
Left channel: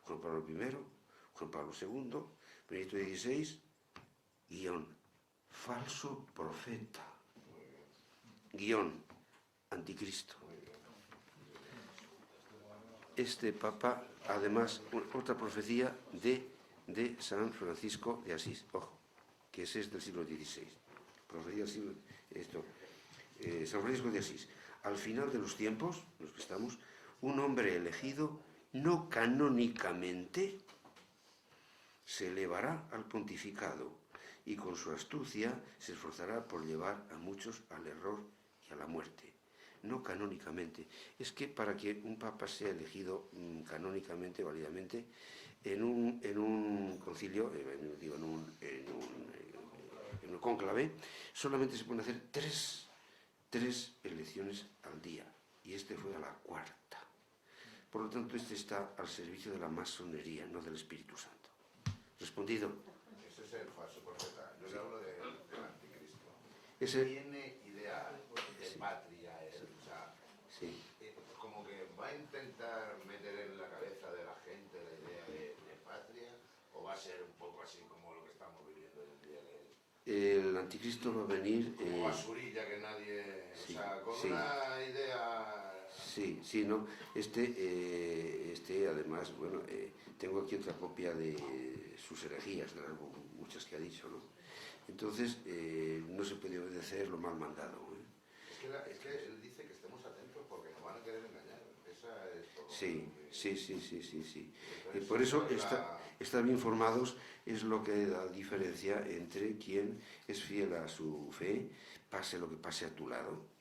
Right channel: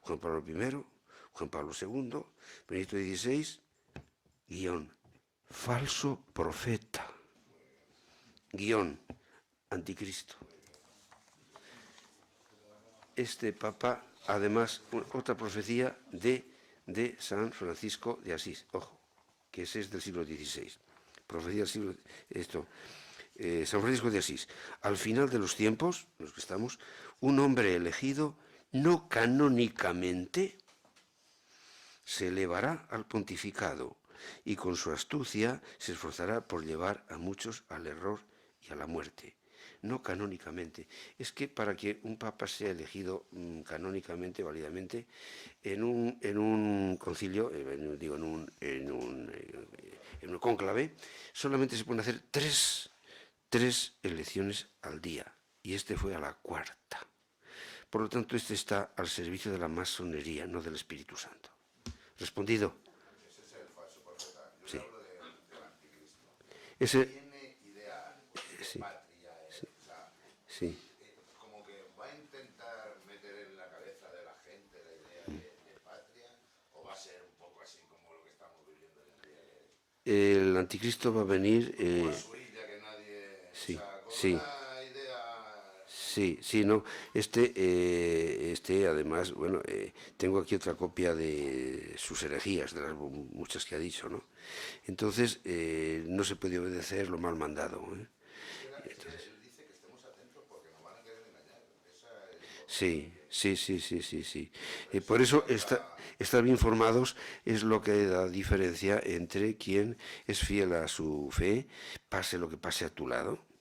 Juan Pablo I, Juan Pablo II, Benedicto XVI, falso profeta, anticristo. Este papa, además, otra profecía de San Francisco de Asís, ojo, que ese es del siglo XVI. Profecía del siglo... San Francisco de Asís, al final de los tiempos, en los que estamos, un hombre elegido no canónicamente se elevará al pontificado y con su astucia se esforzará por llevar a muchos al error y a la muerte. No canónicamente. Es que para que un papa sea elegido canónicamente, válidamente, en un concilio, digo, en un cónclave, solamente se pueden hacer tres elecciones al día. Y este fue a la cuarta. Por lo tanto, este está al servicio de la masonería, no del Espíritu Santo. ¿Respondido? Ese es el falso profeta. Yo Sí. hablo del anticristo. Ese, Tiene idea de Sí. patria, o sea, sí. como que va a intentar meter en la cabeza de la gente la idea de patria, o va a ser un poco así como lo que estamos viviendo hoy en día, que El anticristo va a venir... es como basurilla que nadie, sí, o sea, con sí. una idea. Sí, no. Además, bueno, tengo aquí otra copia de sus herejías, de las muchas que ha dicho, ¿no? Entonces, no se puede obedecer lo mal mandado, ¿eh? Es que él dice que estemos atentos porque nos van a querer engañar. Esa es Sí. Por eso, estar bien formados es lo que da diferencia entre quien es fiel a su fe, pase lo que pase a tu lado.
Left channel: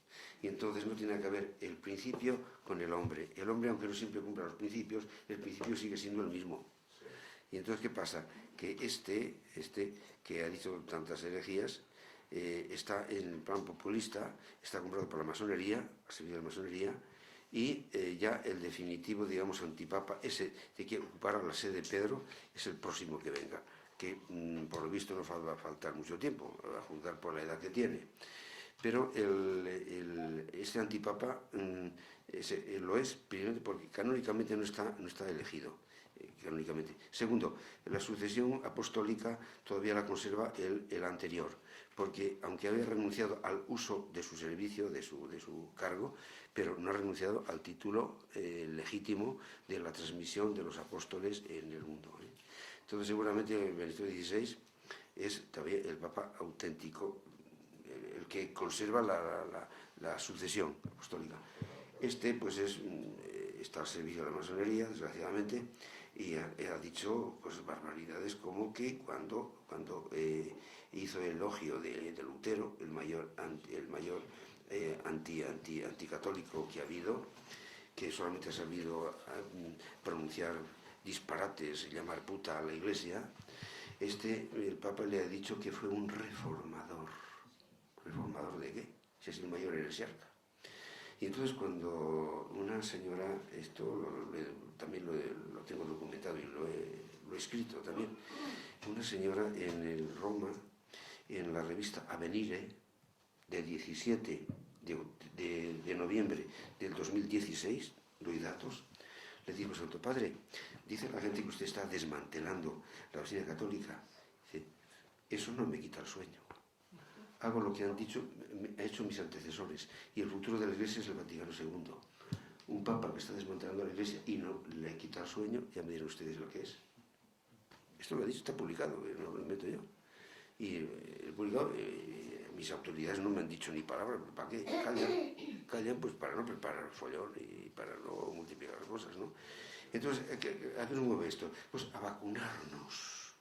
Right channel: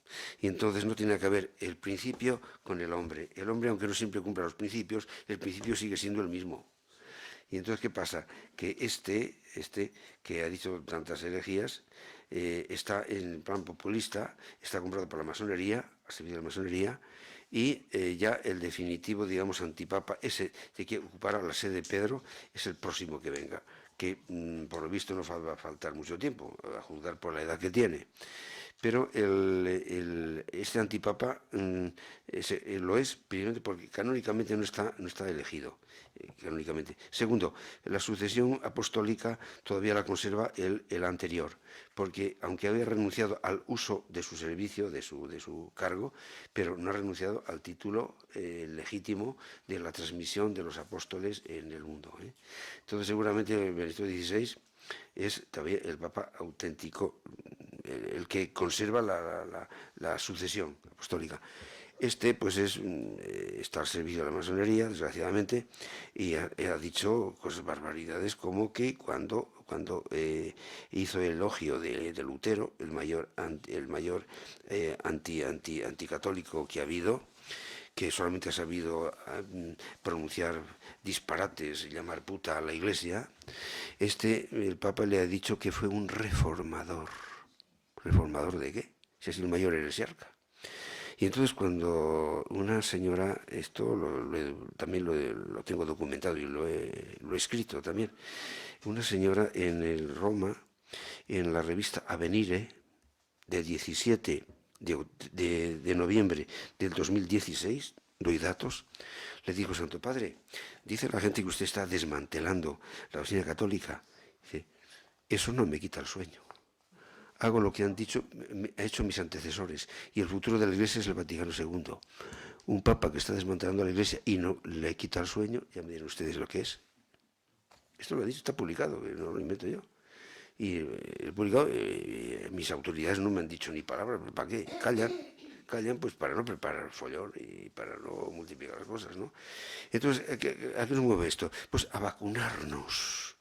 Y entonces no tiene que haber el principio con el hombre. El hombre, aunque no siempre cumpla los principios, el principio sigue siendo el mismo. Y entonces, ¿qué pasa? Que este que ha dicho tantas herejías, está en plan populista, está comprado por la masonería, ha servido de la masonería, y ya el definitivo, digamos, antipapa, ese de que ocupará la sede de Pedro, es el próximo que venga, que por lo visto no va a faltar mucho tiempo, a juzgar por la edad que tiene. Pero este antipapa lo es, primeramente, porque canónicamente no está elegido. Canónicamente. Segundo, la sucesión apostólica todavía la conserva el anterior, porque aunque había renunciado al uso de su servicio, de su cargo, pero no ha renunciado al título legítimo de la transmisión de los apóstoles en el mundo. Entonces, seguramente Benedicto XVI es todavía el papa auténtico, el que conserva la sucesión apostólica. Pues está al servicio de la masonería, desgraciadamente, y ha dicho cosas barbaridades como que cuando hizo el elogio de Lutero, el mayor anticatólico que ha habido, que solamente ha sabido pronunciar disparates y llamar puta a la Iglesia, el Papa le ha dicho que fue un reformador. ¿Reformador de qué? Si es el mayor heresiarca. Y entonces cuando una señora, también lo tengo documentado y lo he escrito también, una señora en el Roma, en la revista Avenire, del 17 de noviembre del 2016, doy datos, le dijo: Santo Padre, dice la gente que usted está desmantelando la doctrina católica. Dice: eso no me quita el sueño. Hago lo que han hecho mis antecesores, y el futuro de la Iglesia es el Vaticano II. Un papa que está desmantelando a la Iglesia y no le quita el sueño, ya me dirán ustedes lo que es. Esto lo he dicho, está publicado, no lo invento yo. Y he publicado, mis autoridades no me han dicho ni palabra, ¿para qué? Callan pues para no preparar el follón y para no multiplicar las cosas, ¿no? Entonces, ¿a qué nos mueve esto? Pues a vacunarnos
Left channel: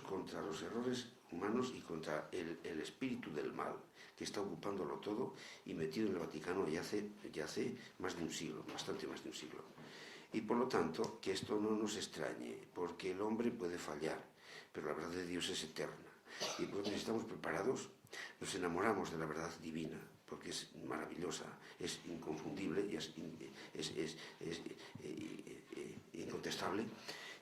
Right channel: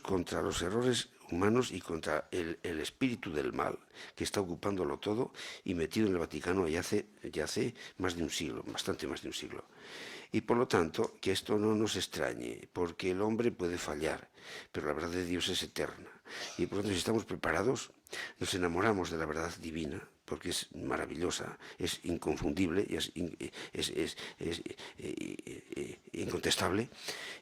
contra los errores humanos y contra el espíritu del mal que está ocupándolo todo y metido en el Vaticano ya hace más de un siglo, bastante más de un siglo. Y por lo tanto, que esto no nos extrañe, porque el hombre puede fallar, pero la verdad de Dios es eterna. Y por lo tanto, si estamos preparados, nos enamoramos de la verdad divina, porque es maravillosa, es inconfundible, es incontestable,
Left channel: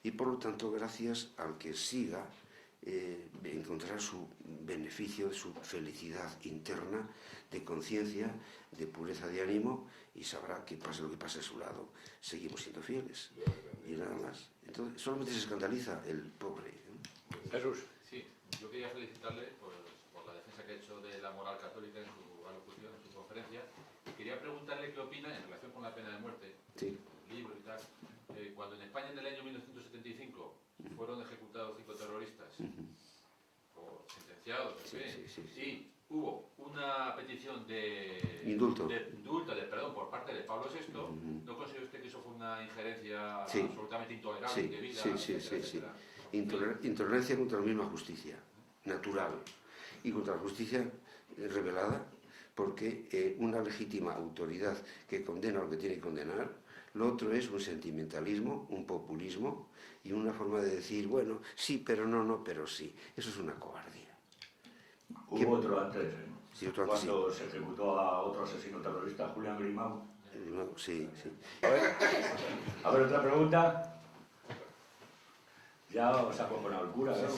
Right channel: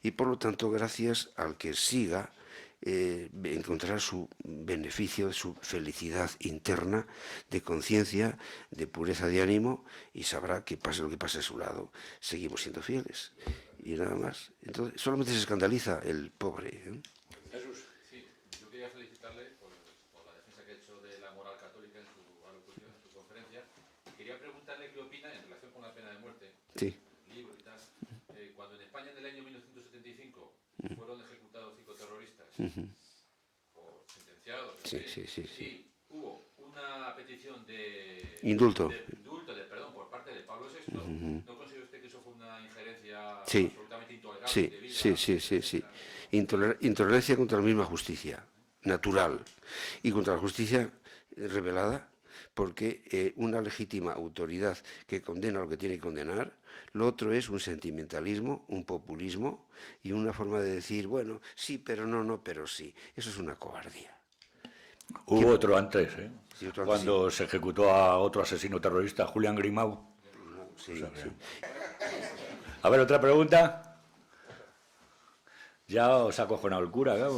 y por lo tanto, gracias al que siga, encontrará su beneficio, su felicidad interna, de conciencia, de pureza de ánimo, y sabrá que pase lo que pase a su lado, seguimos siendo fieles, y nada más. Entonces, solamente se escandaliza el pobre, ¿eh? Jesús. Sí, yo quería felicitarle por la defensa que ha hecho de la moral católica en su alocución, en su conferencia. Quería preguntarle qué opina en relación con la pena de muerte, Sí. el libro y tal, cuando en España en el año 1975 fueron ejecutados 5 terroristas, o sentenciados, y hubo una petición de Indulto. Perdón, por parte de Pablo VI. ¿No considera usted que eso fue una injerencia Sí. absolutamente intolerable, Sí, indebida, sí. etcétera? Intolerancia contra la misma justicia, natural, y contra la justicia revelada, porque una legítima autoridad que condena lo que tiene que condenar. Lo otro es un sentimentalismo, un populismo y una forma de decir, bueno, sí, pero no, no, pero sí. Eso es una cobardía. Hubo otro antes, ¿eh? Sí, otro antes, Cuando se ejecutó a otro asesino terrorista, Julián Grimau. No, sí, sí. A ver, otra pregunta. Ya os ha acojonado el cura, ¿no?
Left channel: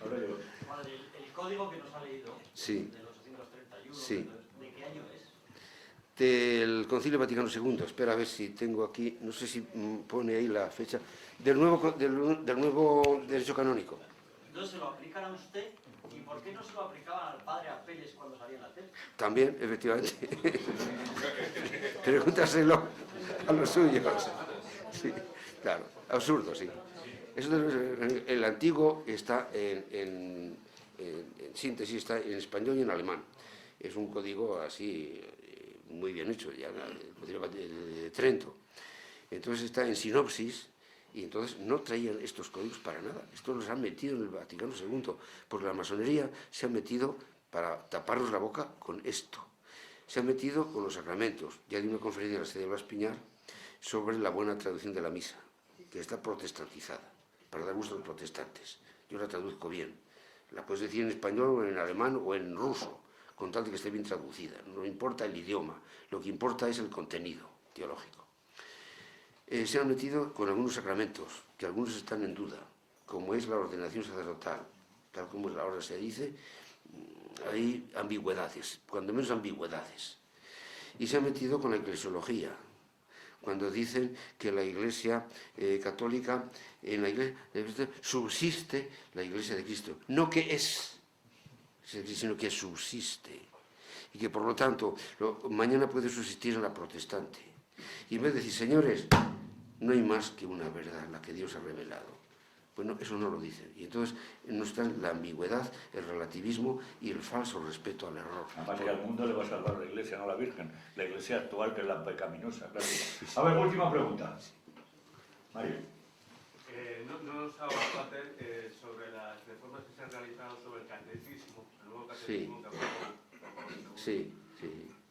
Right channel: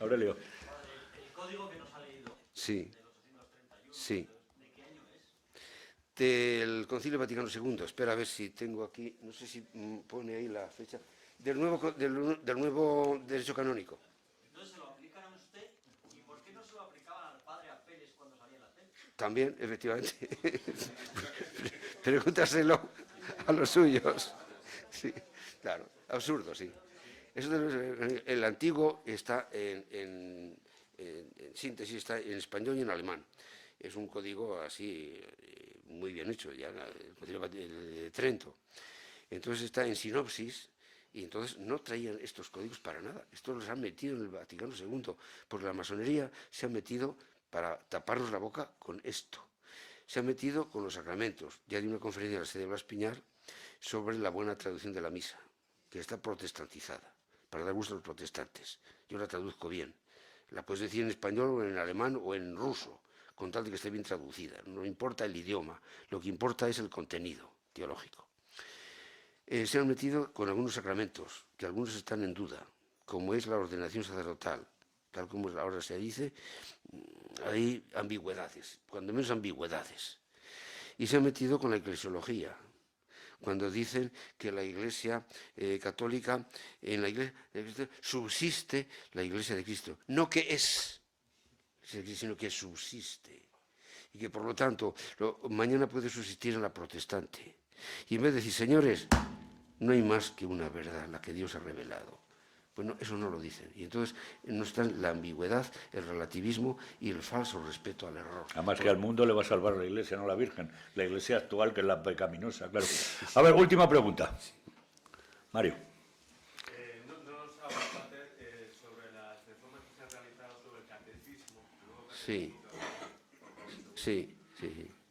Aurelio. El código que nos ha leído, Sí. del 831, Sí. ¿de qué año es? Del Concilio Vaticano II. Espera a ver si tengo aquí, no sé si pone ahí la fecha, del nuevo derecho canónico. Entonces, ¿se lo aplican a usted? ¿Y por qué no se lo aplicaban al padre Apeles cuando salía en la tele? También, efectivamente. Pregúntaselo a los suyos. Sí, claro, absurdo, sí. El antiguo está en síntesis, está en español y en alemán. Es un código así muy bien hecho, ya el Concilio de Trento. Entonces está en sinopsis. Y entonces no traían estos códigos para nada. Estos los han metido en el Vaticano II, porque la masonería se ha metido para taparnos la boca con esto. Se ha metido con los sacramentos. Ya di una conferencia en la sede de Blas Piñar sobre la buena traducción de la misa, que está protestantizada, para dar gusto a los protestantes. Yo la traduzco bien. La puedes decir en español o en alemán o en ruso, con tal de que esté bien traducida. No importa el idioma, lo que importa es el contenido teológico. Se han metido con algunos sacramentos, que algunos están en duda, como es la ordenación sacerdotal. Tal como ahora se dice, hay ambigüedades, cuando menos ambigüedades. Y se han metido con la eclesiología, cuando dicen que la Iglesia católica, en la Iglesia subsiste la Iglesia de Cristo. No que es, sino que subsiste. Y que por lo tanto, mañana puede subsistir en la protestante. Y en vez de decir, señores, no hay más que una verdad, la que Dios ha revelado. Bueno, eso no lo dicen. Y entonces no está la ambigüedad, el relativismo y el falso respeto al error. Además que al mundo le va a salvar la Iglesia, no la Virgen. La Iglesia actual, que es la pecaminosa, claro. A ver, última pregunta. Mario. No nos ha hablado hacer sobre las reformas que se han realizado sobre el catecismo, el nuevo catecismo que aprobó. Sí.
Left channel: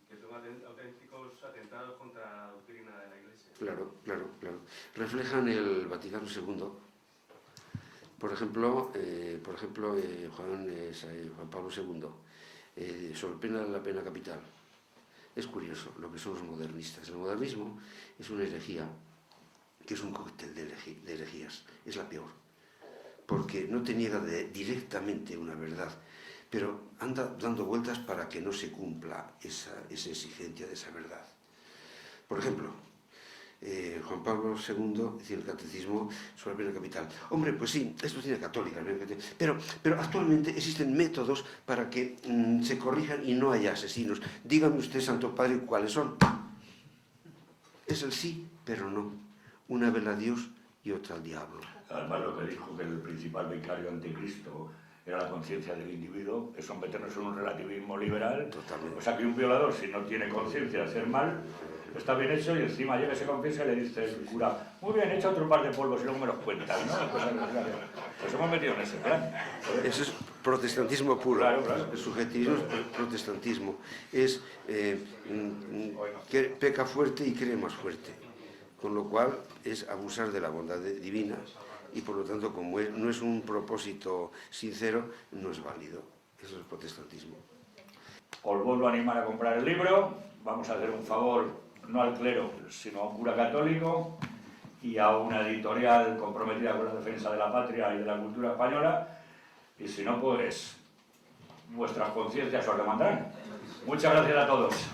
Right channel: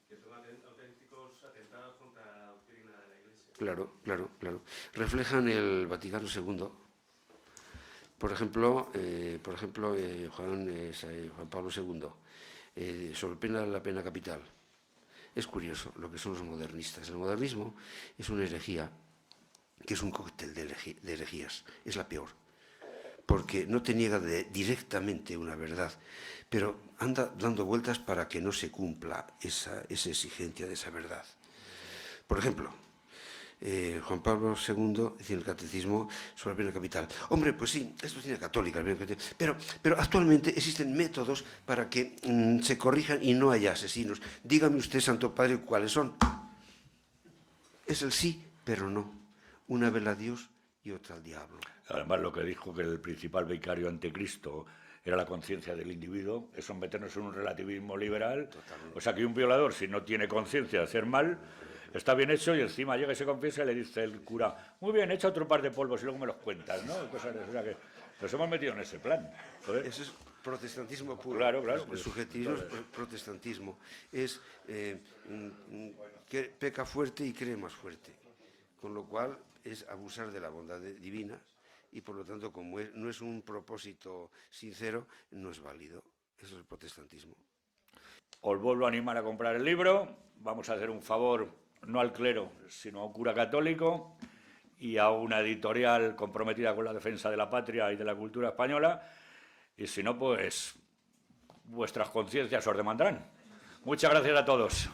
Que son auténticos atentados contra la doctrina de la Iglesia. Claro. Reflejan el Vaticano II. Por ejemplo, Juan Pablo II, sobre la pena capital. Es curioso lo que son los modernistas. El modernismo es una herejía, que es un cóctel de herejías. Es la peor, porque no te niega directamente una verdad, pero anda dando vueltas para que no se cumpla esa exigencia de esa verdad. Por ejemplo, Juan Pablo II dice en el catecismo sobre la pena capital. Hombre, pues sí, esto tiene católica, pero actualmente existen métodos para que se corrijan y no haya asesinos. Dígame usted, Santo Padre, cuáles son. Es el sí, pero no. Una vela a Dios y otra al diablo. Además, lo que dijo que el principal vicario ante Cristo era la conciencia del individuo, es someternos en un relativismo liberal. Totalmente. O sea, que un violador, si no tiene conciencia de hacer mal, está bien hecho, y encima llega y se confiesa y le dice el cura, muy bien, echa otro par de polvos y luego me los cuentas, ¿no? Pues hemos metido en ese plan. Eso es protestantismo puro. Claro. El subjetivismo es protestantismo. Es que peca fuerte y cree más fuerte. Con lo cual es abusar de la bondad divina y por lo tanto, como no es un propósito sincero, no es válido. Eso es protestantismo. Os vuelvo a animar a comprar el libro. Vamos a hacer un favor, no al clero, sino a un cura católico y a una editorial comprometida con la defensa de la patria y de la cultura española. Y si no, pues vuestras conciencias os demandarán. Muchas gracias a todos.